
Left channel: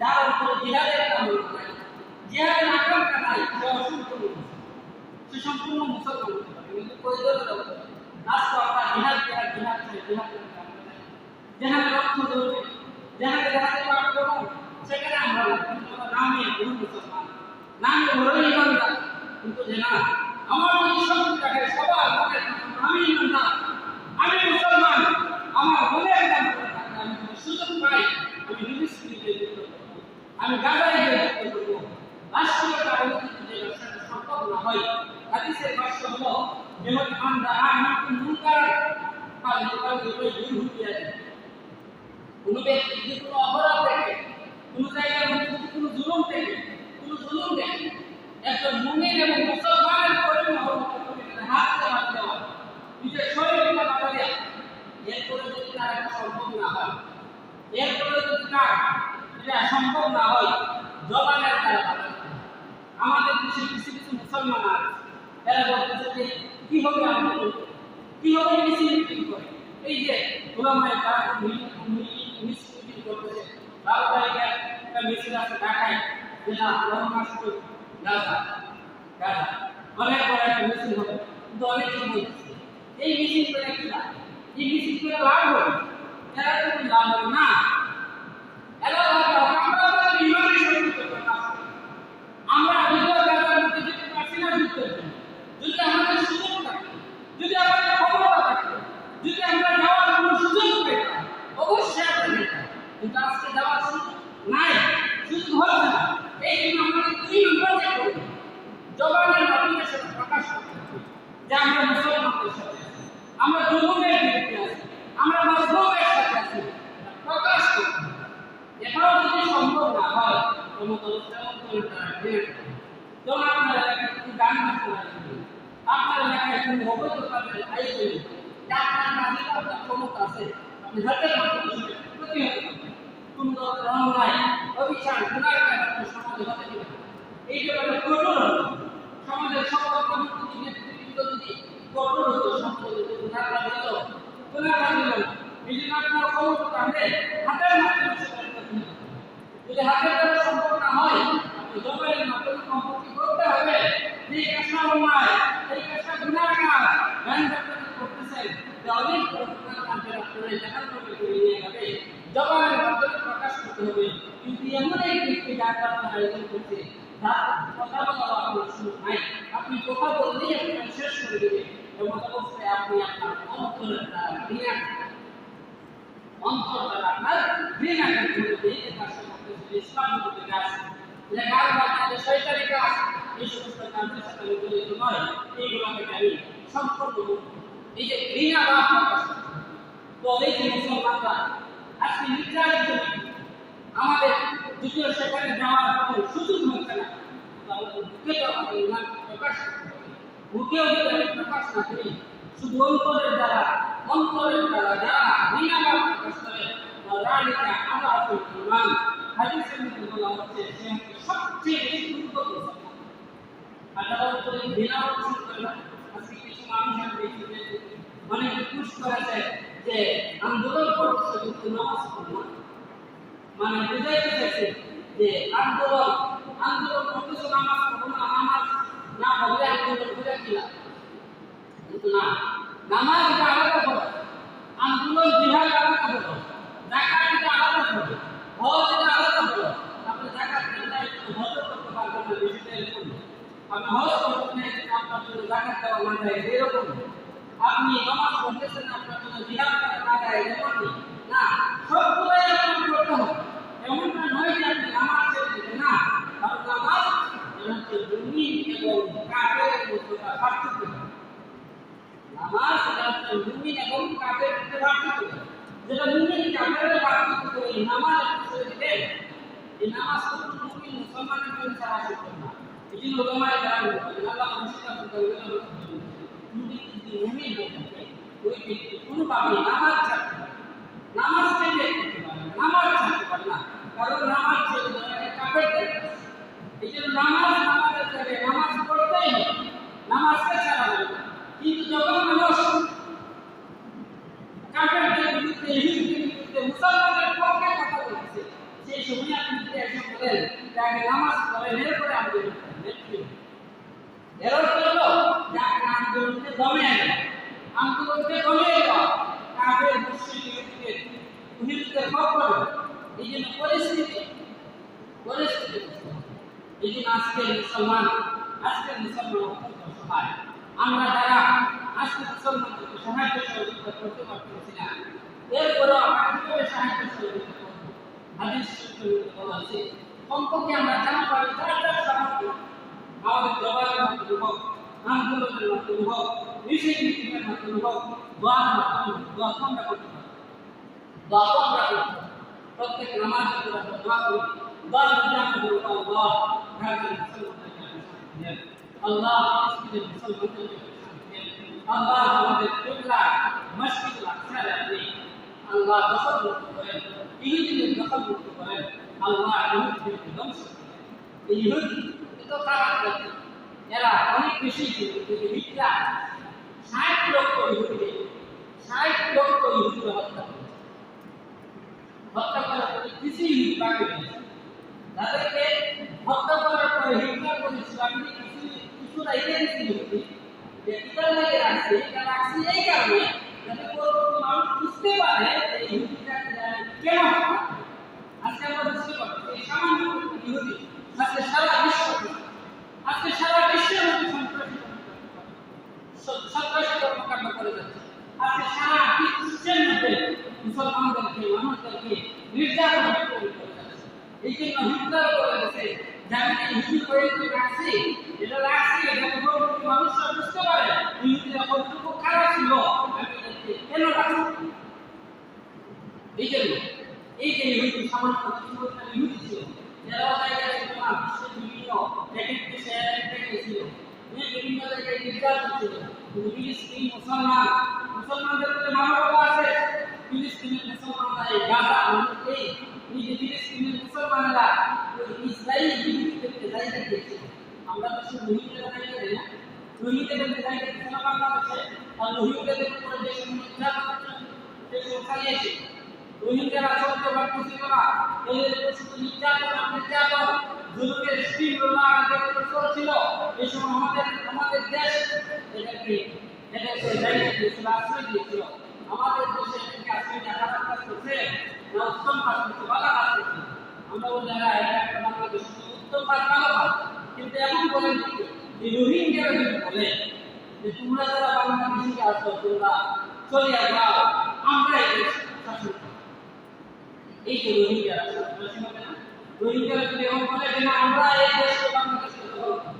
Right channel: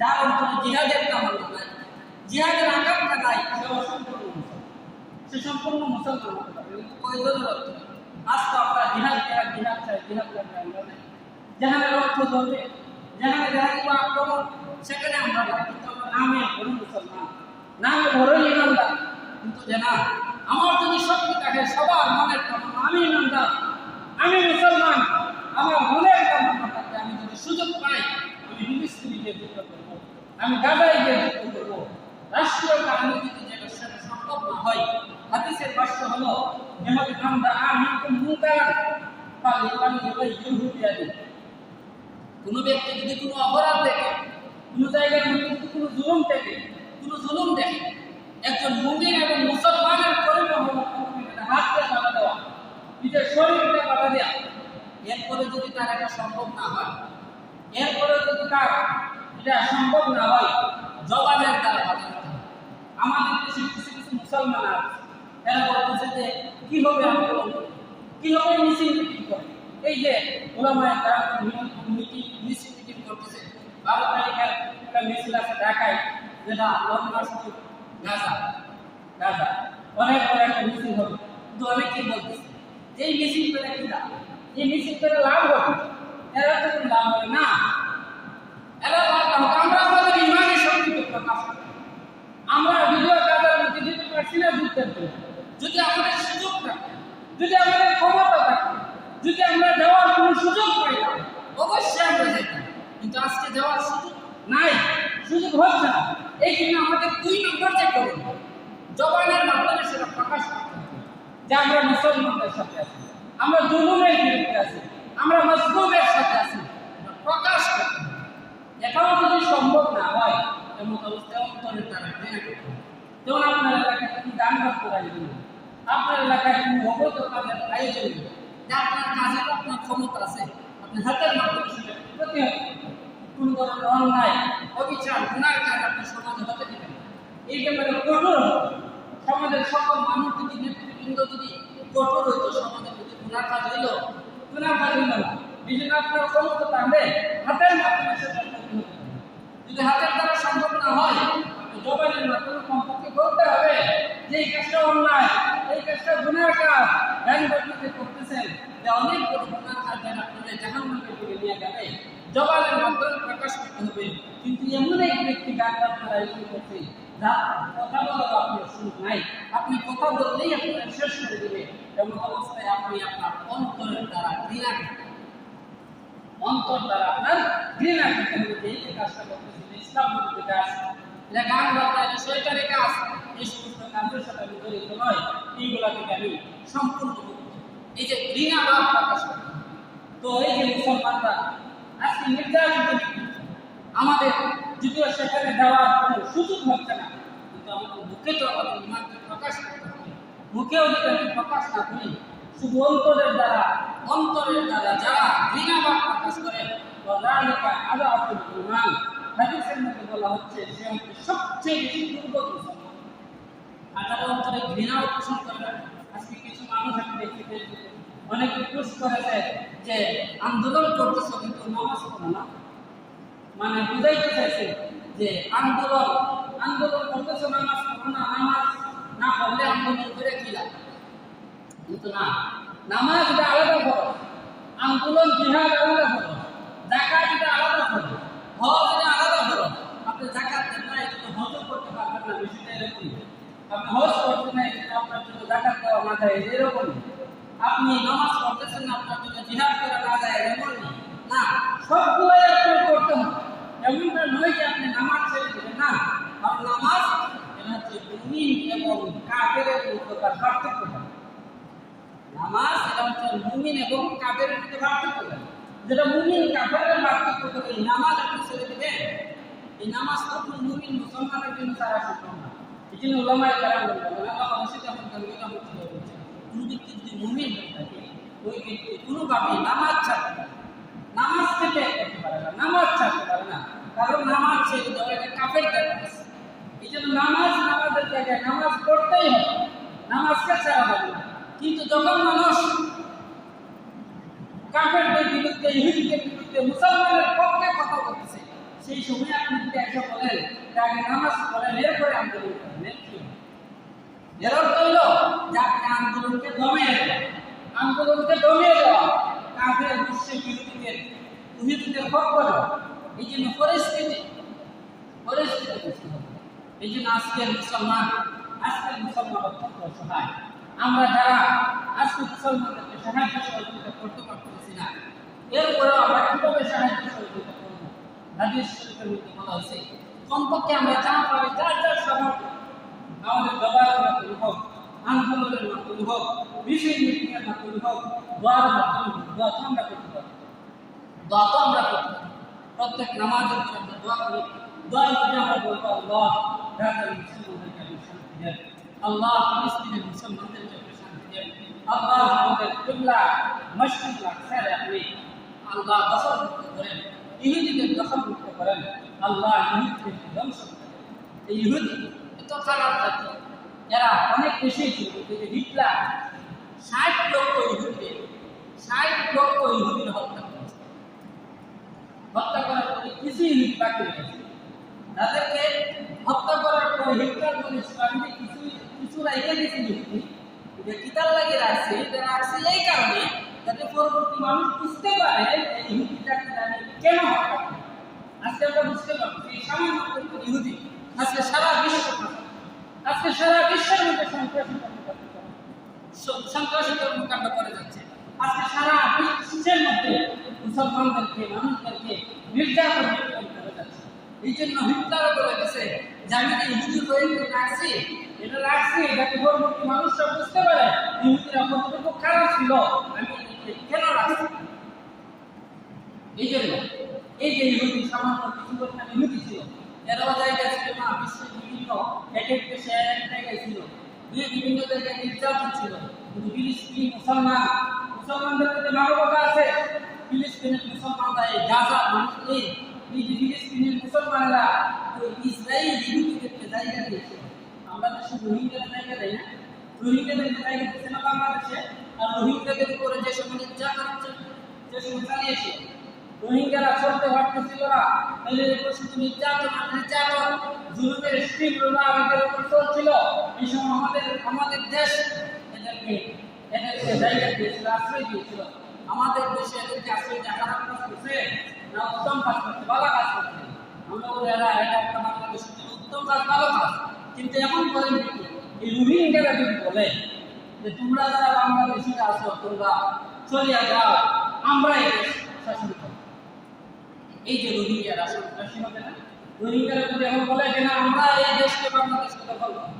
যার অন্তরে জিহাদের তামান্না নাই, জিহাদের আকাঙ্ক্ষা নাই, সে সম্পূর্ণ মুসলমান হতে পারে, কিন্তু প্রয়োজনের অর্থ আজকে আমরা জিহাদ চাই, জিহাদ করতে আমরা নাই। যেখানে রক্ত ঝরবে, যেখানে আক্রমণ, সেখানে আমরা নামে বড় মুসলমান, নামে বড় ইমানদার, কিন্তু যে না আমার যদি শক্তি থাকে, সবার মনের আমি ইমানদার, আমি মুসলমান, আমার মনের তামান্না থাকে, আমি যদি সুযোগ পাই আমি ফিলিস্তিনে গিয়ে যুদ্ধ করব, আমি গাজায় গিয়ে যুদ্ধ করব। রাষ্ট্রীয় রাজনীতিতে যে সেটা সম্ভব না হয়, হাদিসের ভাষ্য হলো যেমন আমরা আমিকুম মুনকার কোনো ব্যক্তি যদি কোনো অপরাধ দেখে, কোনো জায়গার মধ্যে যদি কোনো জুলুম দেখে, একজন মুমিন এবং মুসলমানের পরিণাম হলো হাত দিয়ে বাধা দেওয়া, নিজের শরীরকে বাধা দেওয়া। এরপরে যদি তার এটা সম্ভব না হয়, জবানের তার বাধা দিতে হবে। আমাদের দেশে কিছু মুসলমান আছে, এরা বলতেছে যে কি হবে আন্দোলন, কি হবে মিছিল করে। এই যে ওলামায়ে কেরাম মিছিল করতেছে, 12 তারিখে একটা মিছিল আছে ঢাকায়, যেটা লং মার্চ টু গাজা, অনেক বড় একটা মিছিল হবে। কিন্তু অনেকেই বলতেছে এই মিছিল করে কি লাভ, এই মিছিল করে লাভ হবে, এরা তো লাভ হবে না। এরা আমরা আমাদের ইমানের শক্তিকে প্রকাশ করি, আমরা ভিডিও গাজার মধ্যে যেতে পারছি না যুদ্ধের জন্য। যদি আমাদের সুযোগ থাকে, যদি আমাদের ক্ষমতা থাকে, যদি আমরা যাওয়ার কোনো সুযোগ পাইতাম, অবশ্যই আমরা যেতাম, কিন্তু আজকে যাওয়ার সুযোগ নাই, সুযোগ হচ্ছে না। এই জন্য আমাদের 2 নম্বর যে করুন, জবানের মাধ্যমে সেটা প্রকাশ করতে হবে যে আমরা মুসলমানদের সাথে আছি, আমরা জুলুমের বিরুদ্ধে আছি, আমরা মজলুমের সাথে আছি, প্রকাশ করতে হবে। এটাও যদি সম্ভব না হয়, ক্ষমতা অবস্থায় অন্তরের দ্বারা যেমন আপনার এলাকায় কোনো গান বাজ করার জন্য, আপনার এলাকায় কোনো অবৈধ কাজের আয়োজন, যা আপনার কাজে আপনার ক্ষমতা আছে, আপনি হাতের মাধ্যমে সেটা প্রতিহত করবেন। কোন ধরনের অন্যায়, অবিচার, গুনার কাজ আপনি সমাজে হতে দেবেন। এই ব্যাপারে কঠোর সমাজের সকল মানুষ যদি নেতৃবৃন্দ যদি কঠোর হতো, সমাজের মধ্যে গুনার কাজ হইল না। এই জন্য আপনার ক্ষমতা থাকলে হাতের মাধ্যমে সেটা প্রতিহত করবেন। যদি হাতের দ্বারা সম্ভব না হয়, আপনি জবানের মাধ্যমে কমপক্ষে করতে হবে যে এই কাজটা অন্যায়, এই কাজটা গুনার কাজ, জ্ঞান ব্যক্তিতে করতেছেন, যে অনেক বড় গুনার কাজ যেন আপনারা জাহান্নামে করে নিয়ে যাবে, জবানের মাধ্যমে প্রকাশ করতে হবে। কিন্তু এমন এক ব্যক্তি গান আপনার আয়োজন করছে, যার কথা বলা আপনার সুযোগ নাই, আপনি কথা বললেই আপনার শেষ করে দেবে। এমন অবস্থায় আপনি আপনার অন্তরের দ্বারা ঘৃণা করতে, অন্তর দ্বারা আপনার ঘৃণা করতে হবে যে এই কাজটা করতেছে, ইসলাম বিরোধী কাজ, এটা গান বাজনা, এটা শয়তানি কাজ, এই সমস্ত কাজের সাথে আমি জড়িত নয়, এইগুলা থেকে আমি সম্পূর্ণ মুক্ত। এই যে ঘৃণা ভাব প্রকাশ করতে, তো এই যে মুসলমানরা আজকে নির্যাতিত, আমাদের যদিও সেখানে যাওয়ার কোনো সুযোগ হচ্ছে না, কিন্তু আমাদের মুখে তো আমাদের ইমানকে প্রকাশ করতে হবে। মুখেও যদি আমি প্রকাশ না করি, শুধু অন্তরের দ্বারা যারা ঘৃণা ভাব প্রকাশ করে, ওয়ালাইকা আযাবুল ঈমান, হাদিসের মধ্যে বলা হচ্ছে সে সবচেয়ে বেশি দুর্বল মুসলমান। আর যারা অন্তরে ঘৃণা পোষণ করে না, আজকে কিছু মানুষ আমি দেখি অনেকে পুশ করেছে যে আন্দোলন করতেছে কিন্তু নামাজ পড়ে না, মানে বুঝাইতে চাইছে যে আন্দোলন করতেছে, নামাজ পড়ো না, নামাজ না পড়লে আন্দোলন করে কি লাভ? কিন্তু না, নামাজ এটা আলাদা করো, আন্দোলন জিহাদ আলাদা করো, যাকাত এটা আলাদা করো, হজ এটা আলাদা করো। আপনি যাকাত দেন না, একটু হজ করতে পারবেন না, বিষয়টা এরকম। আপনি হজ করতে না, আপনার জন্য যাকাত দেওয়া না যায় এরকম। আপনি নামাজ পড়তেছেন না, আপনার জন্য জিহাদ করা না যায় এমন না, সবগুলোই আপনার করতে হবে। এমনটা নয় যে আপনি নামাজ ছেড়ে দিলেন না, কারণ নামাজ এটা হচ্ছে মুমিন এবং কাফেরের মধ্যে পার্থক্য করে। নামাজ এটা হচ্ছে মুমিন এবং কাফেরের মধ্যে পার্থক্য করে। যেটা মুমিন কাফেরের পার্থক্য করে, এই নামাজ আপনি ছেড়ে দিবেন, এই নামাজ তো কোনো মুমিন মুসলমানের জন্য ছাড়া সম্ভব না। এই জন্য ওলামায়ে কেরাম বলেন, আল্লাহ অবশ্যই আপনাকে ওইটা বলতে বলেছেন, কোন ব্যক্তি যদি মুমিন হয়ে থাকে, ওই ব্যক্তি কোনোভাবেই নামাজ ছাড়তে পারে, নামাজ থেকে করতে পারে না, নামাজ ছাড়তে পারে না, কারণ নামাজ ছেড়ে দেওয়া এটা কাফেরদের কাজ। এই জন্য নামাজের জায়গায় নামাজ পড়তেই হবে, নামাজকে ছাড়া যাবে না। কিন্তু যখন মানুষ কাফেরদের বিরুদ্ধে, ইহুদিদের বিরুদ্ধে, মুসলমানদের পক্ষে কথা বলছে, সেই সময় আপনি যদি একটা বলেন তাকে নামাজ পড়েন, এরপরে আন্দোলন করেন, এর অর্থ হলো যে আপনি আন্দোলনকে দমিয়ে দেওয়া, কাফের মুশরিক ইহুদিদের পক্ষ। এই জন্য পরিস্থিতি এই জন্য আজকের মুসলমান অত্যন্ত অসহায়। আমরা যারা আজকে মুসলমানদেরকে সাহায্য সহযোগিতা করতে পারতেছি না, এরপরেও আমরা কিভাবে সাহায্য সহযোগিতা করবো? হাদিস শরীফের মধ্যে বলা আছে, কমপক্ষে আমরা যা পারি যার সাহায্য, আমাদের জবানের মাধ্যমে হোক, আন্দোলনের মাধ্যমে হোক, মিটিংয়ের মাধ্যমে হোক, দোয়ার মাধ্যমে হোক, দোয়া তো আমরা করতে পারি। প্রত্যেক নামাজের পরে আমরা দোয়া করি। দোয়ার মধ্যে আমরা বলবো, আল্লাহ গাজার মুসলমানদেরকে আপনি শান্তি দেন, আল্লাহ ফিলিস্তিনের মুসলমানদেরকে আপনি শান্তি দেন, আল্লাহ আমাদের কিবলা মসজিদুল আকসারে আপনি আল্লাহ দখলমুক্ত করেন, ইহুদিদের দখলমুক্ত করেন, আল্লাহ ইহুদিদেরকে ধ্বংস করেন। এই ইহুদি এত খারাপ জাতি, এরা অনেক বেশি ছিল, কিন্তু হিটলার 60 লক্ষ ইহুদিদের হত্যা করেছে। হত্যা করার পরে কিছুই বাকি নেই। তাদেরকে হত্যা করার পরে হিটলার বলেছিল, আমি কিছু রাইখে দিয়েছিল, যে কিতাব লাগে রাখছে, এটা রাখছে এই কারণে যাতে পরবর্তী মানুষ বুঝতে পারে এই ইহুদিটাকে জানি কেন হত্যা করে। আজকে আমরা বুঝতে পারছি এই সামান্য ইহুদি আজকে সারা বিশ্বের মধ্যে সন্ত্রাসী কর্মকাণ্ড করে যাচ্ছে। আজকে সারা বিশ্বের মধ্যে মুসলমানদেরকে, মানুষদেরকে নির্যাতন করে যাচ্ছে। এই জন্য হিটলারও বলে গেছে যে আমি ইহুদি হয়ে রাখছি, যাতে পরবর্তী মানুষরা বুঝতে পারে ইহুদিরা কতটুকু খারাপ ছিল, আমি এদেরকে কেন রাখছি। এই জন্য এই যে ইহুদি সামান্য কিছু পরিমাণ ইহুদি ছিল, তেরো জায়গায় ছিল না, বিশ্বের বিভিন্ন এক এক দেশে এক এক জায়গায় ছিল, বিভিন্ন জায়গায় নির্যাতন ছিল। কিন্তু ফিলিস্তিনি মুসলমানদের মধ্যে মানবতা আছে। ফিলিস্তিনের মুসলমানরা এই গাজা এই যে ফিলিস্তিনের মুসলমানেরা ওই ইসরায়েল ইহুদিদেরকে জায়গা দিয়েছিল। আমরা দেশে রোহিঙ্গাদের জায়গা দেয় না, রোহিঙ্গাদেরকে জায়গা দিচ্ছে না বাংলাদেশে। আর রোহিঙ্গাদের উপরে যে সময় নির্যাতন হচ্ছে, যে সময় চালিয়েছে, রোহিঙ্গারা চলতে পারতেছিল না, এদের উপর শুধু নির্যাতন জুলুমের স্টিম রোলারদের উপর চলছিল। এই সময় আমাদের দেশ এদেরকে জায়গা দিয়েছিল, আশ্রয় দিয়েছিল। আমাদের দেশে এদেরকে আশ্রয় দিয়ে খারাপ কাজ করছে না উত্তম কাজ করছে, ভালো কাজ করছে? আমরা বলি এটা একটা বাংলাদেশের উত্তম কাজ, ভালো কাজ। কিন্তু এখন বলেন এই রোহিঙ্গারা যদি বলে যে তোমরা যারা বাংলাদেশিরা আছো তোমরা চলিয়া যাও, আমরা এই দেশ শাসন করব। এই যে রোহিঙ্গারা শাসন হবে না, রোহিঙ্গারা যদি এখন বলে যে না আমরা এই দেশকে বাংলাদেশকে দখল করব,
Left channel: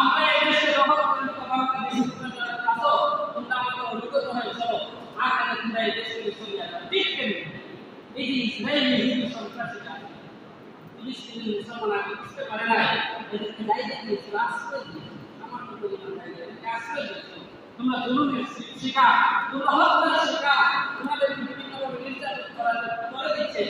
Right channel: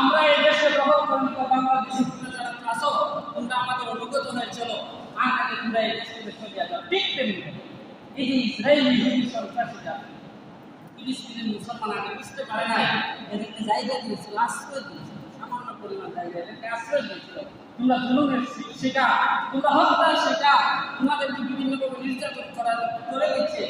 আমরা এই দেশে দখল করে নিতে বাংলাদেশি যারা আছো তোমরা আমাদের অনুগত হয়ে চলো, আর তোমরা এই দেশকে চলিয়া যাও। ঠিক তেমনি এই যে ইসরায়েলি ইহুদি সন্ত্রাসীরা ফিলিস্তিনের মুসলমান আগে বুঝতে পারে না, এদেরকে জায়গা দিয়েছিল, আশ্রয় দিয়েছিল, সামান্য পরিমাণ জায়গা এদেরকে আশ্রয় দিয়েছিল। তোমরা জুলুমের শিকার, তোমরা হত্যার শিকার, তোমাদেরকে বিভিন্নভাবে নির্যাতন করে দিচ্ছে,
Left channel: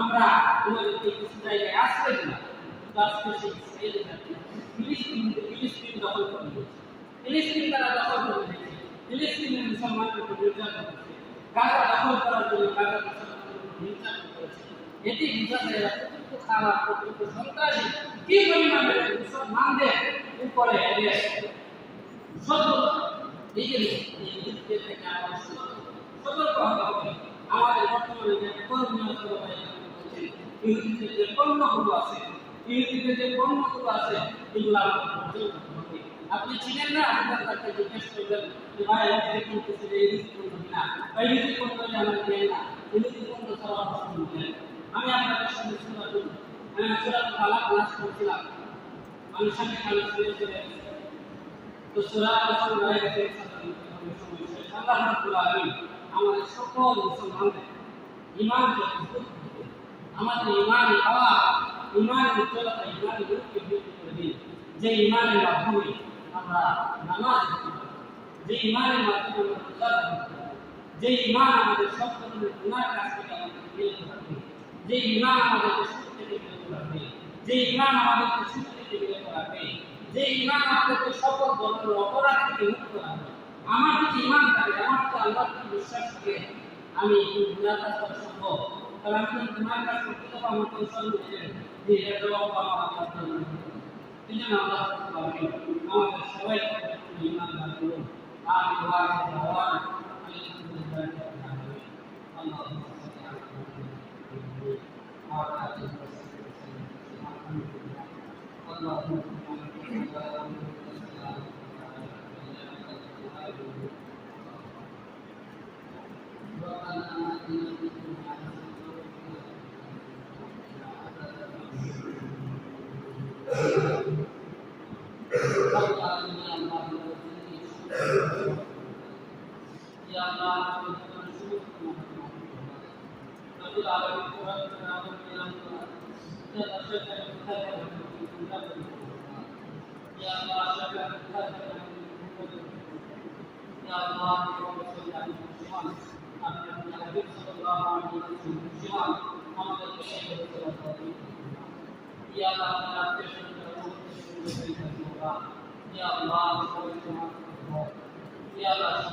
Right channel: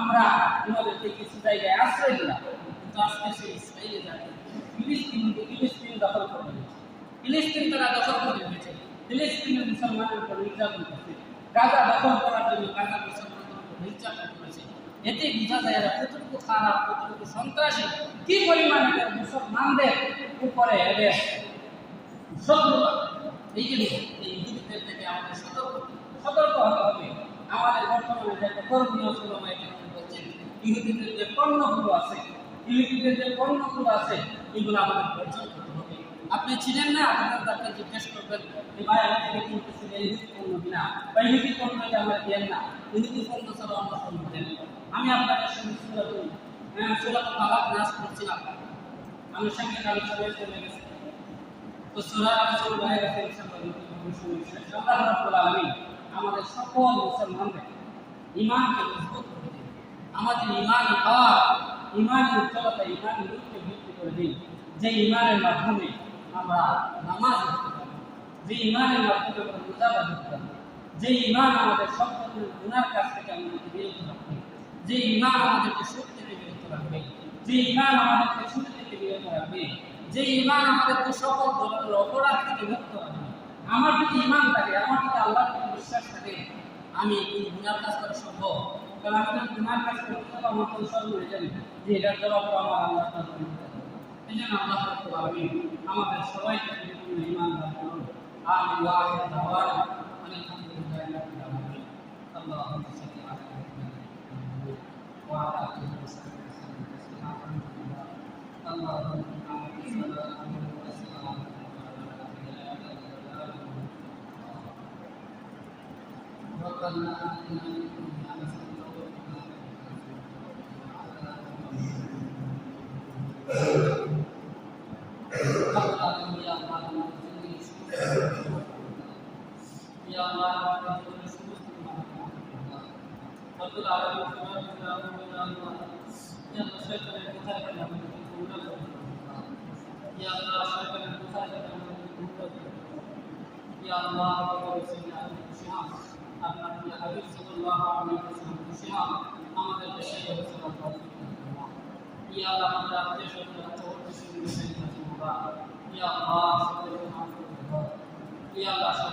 আমরা তোমাদেরকে কিছু জায়গায় আশ্রয় দিলাম। কিন্তু আজকে সেই ইসরায়েলি জাতি ফিলিস্তিন দখল করে দিয়েছে, ফিলিস্তিন তারা দখল করে দিয়েছে, ফিলিস্তিনের মুসলমানের উপর নির্যাতন করছে, গাজা দখল করার জন্য গাজা মুসলমানের উপর নির্যাতন করেছে। এতে বোঝা যায় এরা কতটুকু খারাপ, কতটুকু সন্ত্রাসী, কি পরিমাণে মুসলমানদের উপরে এদের শত্রুতা। এই জন্য এই ইহুদিদের থেকে আমাদের সতর্ক হতে হবে। আমাদের বর্তমানে যে একটা কর্মীয় বলছেন ইহুদিদের যে পণ্যগুলো আছে, এগুলো আমাদের বর্জন করতে হবে। আপনি ছিলেন না, আপনার তাকে জিজ্ঞেস করবেন যে ভাই আমাদের কিনতেছিল ইহুদি পণ্য কিনা, বা ইহুদি পণ্য আমার দেন না, ইহুদি পণ্য ছাড়া আমার সম্ভব নেই। আমি আপনাদের সঙ্গে সূরাতুল আলাক নাস করছিলাম, আমি সঙ্গে আলোচনা চলে গেছি। তো সূরা আলোচনা হয়ে গেছে, আল্লাহ রাব্বুল আলামিন আমাদের সকল মুসলমানদের ঈমানকে মজবুত করে দিন, আমাদের ঈমানের পাওয়ার, ঈমানের উজ্জ্বলতা, ঈমানের রূপকে বৃদ্ধি করে দিন। যে ঈমানের মাধ্যমে আমরা নামাজ পড়তে পারব, যে ঈমানের মাধ্যমে আমরা রোজা রাখতে পারব, যে ঈমান আমাদের সব ধরনের গুনাহ কাজ থেকে আমাদেরকে বিরত রাখবে, যে ঈমান আমাদেরকে সুদ থেকে বিরত রাখবে, যে ঈমান আমাদেরকে সুদ থেকে বিরত রাখবে, যে ঈমান আমাদেরকে সকল ধরনের অপরাধ থেকে মুক্ত রাখবে। আমার যদি ঈমান থাকে, আমার যদি আল্লাহর প্রতি বিশ্বাস থাকে, আমি এই গুনাহ কাজ করা সম্ভব। কারণ আমি যদি গুনাহ কাজ করতে যাবো, আমার কোনো সর্বনাশ জানি যে এটার জবাব আমার আল্লাহ তাআলা। এই জন্য আল্লাহ রাব্বুল আলামিন আমাদের সবাইকে ঈমান দান করুন। আমিন ওয়া আখিরু দাওয়ানা আলহামদুলিল্লাহি রাব্বিল আলামিন। আল্লাহুম্মা সাল্লি আলা মুহাম্মাদ ওয়া আলা আলিহি ওয়া সাহবিহি ওয়া সাল্লাম। আল্লাহুম্মা সাল্লি ربنا آتنا في الدنيا حسنة وفي আমাদের দেশে ইয়া আল্লাহ আমাদের আত্মীয়-স্বজন ইয়া আল্লাহ ইয়া আল্লাহ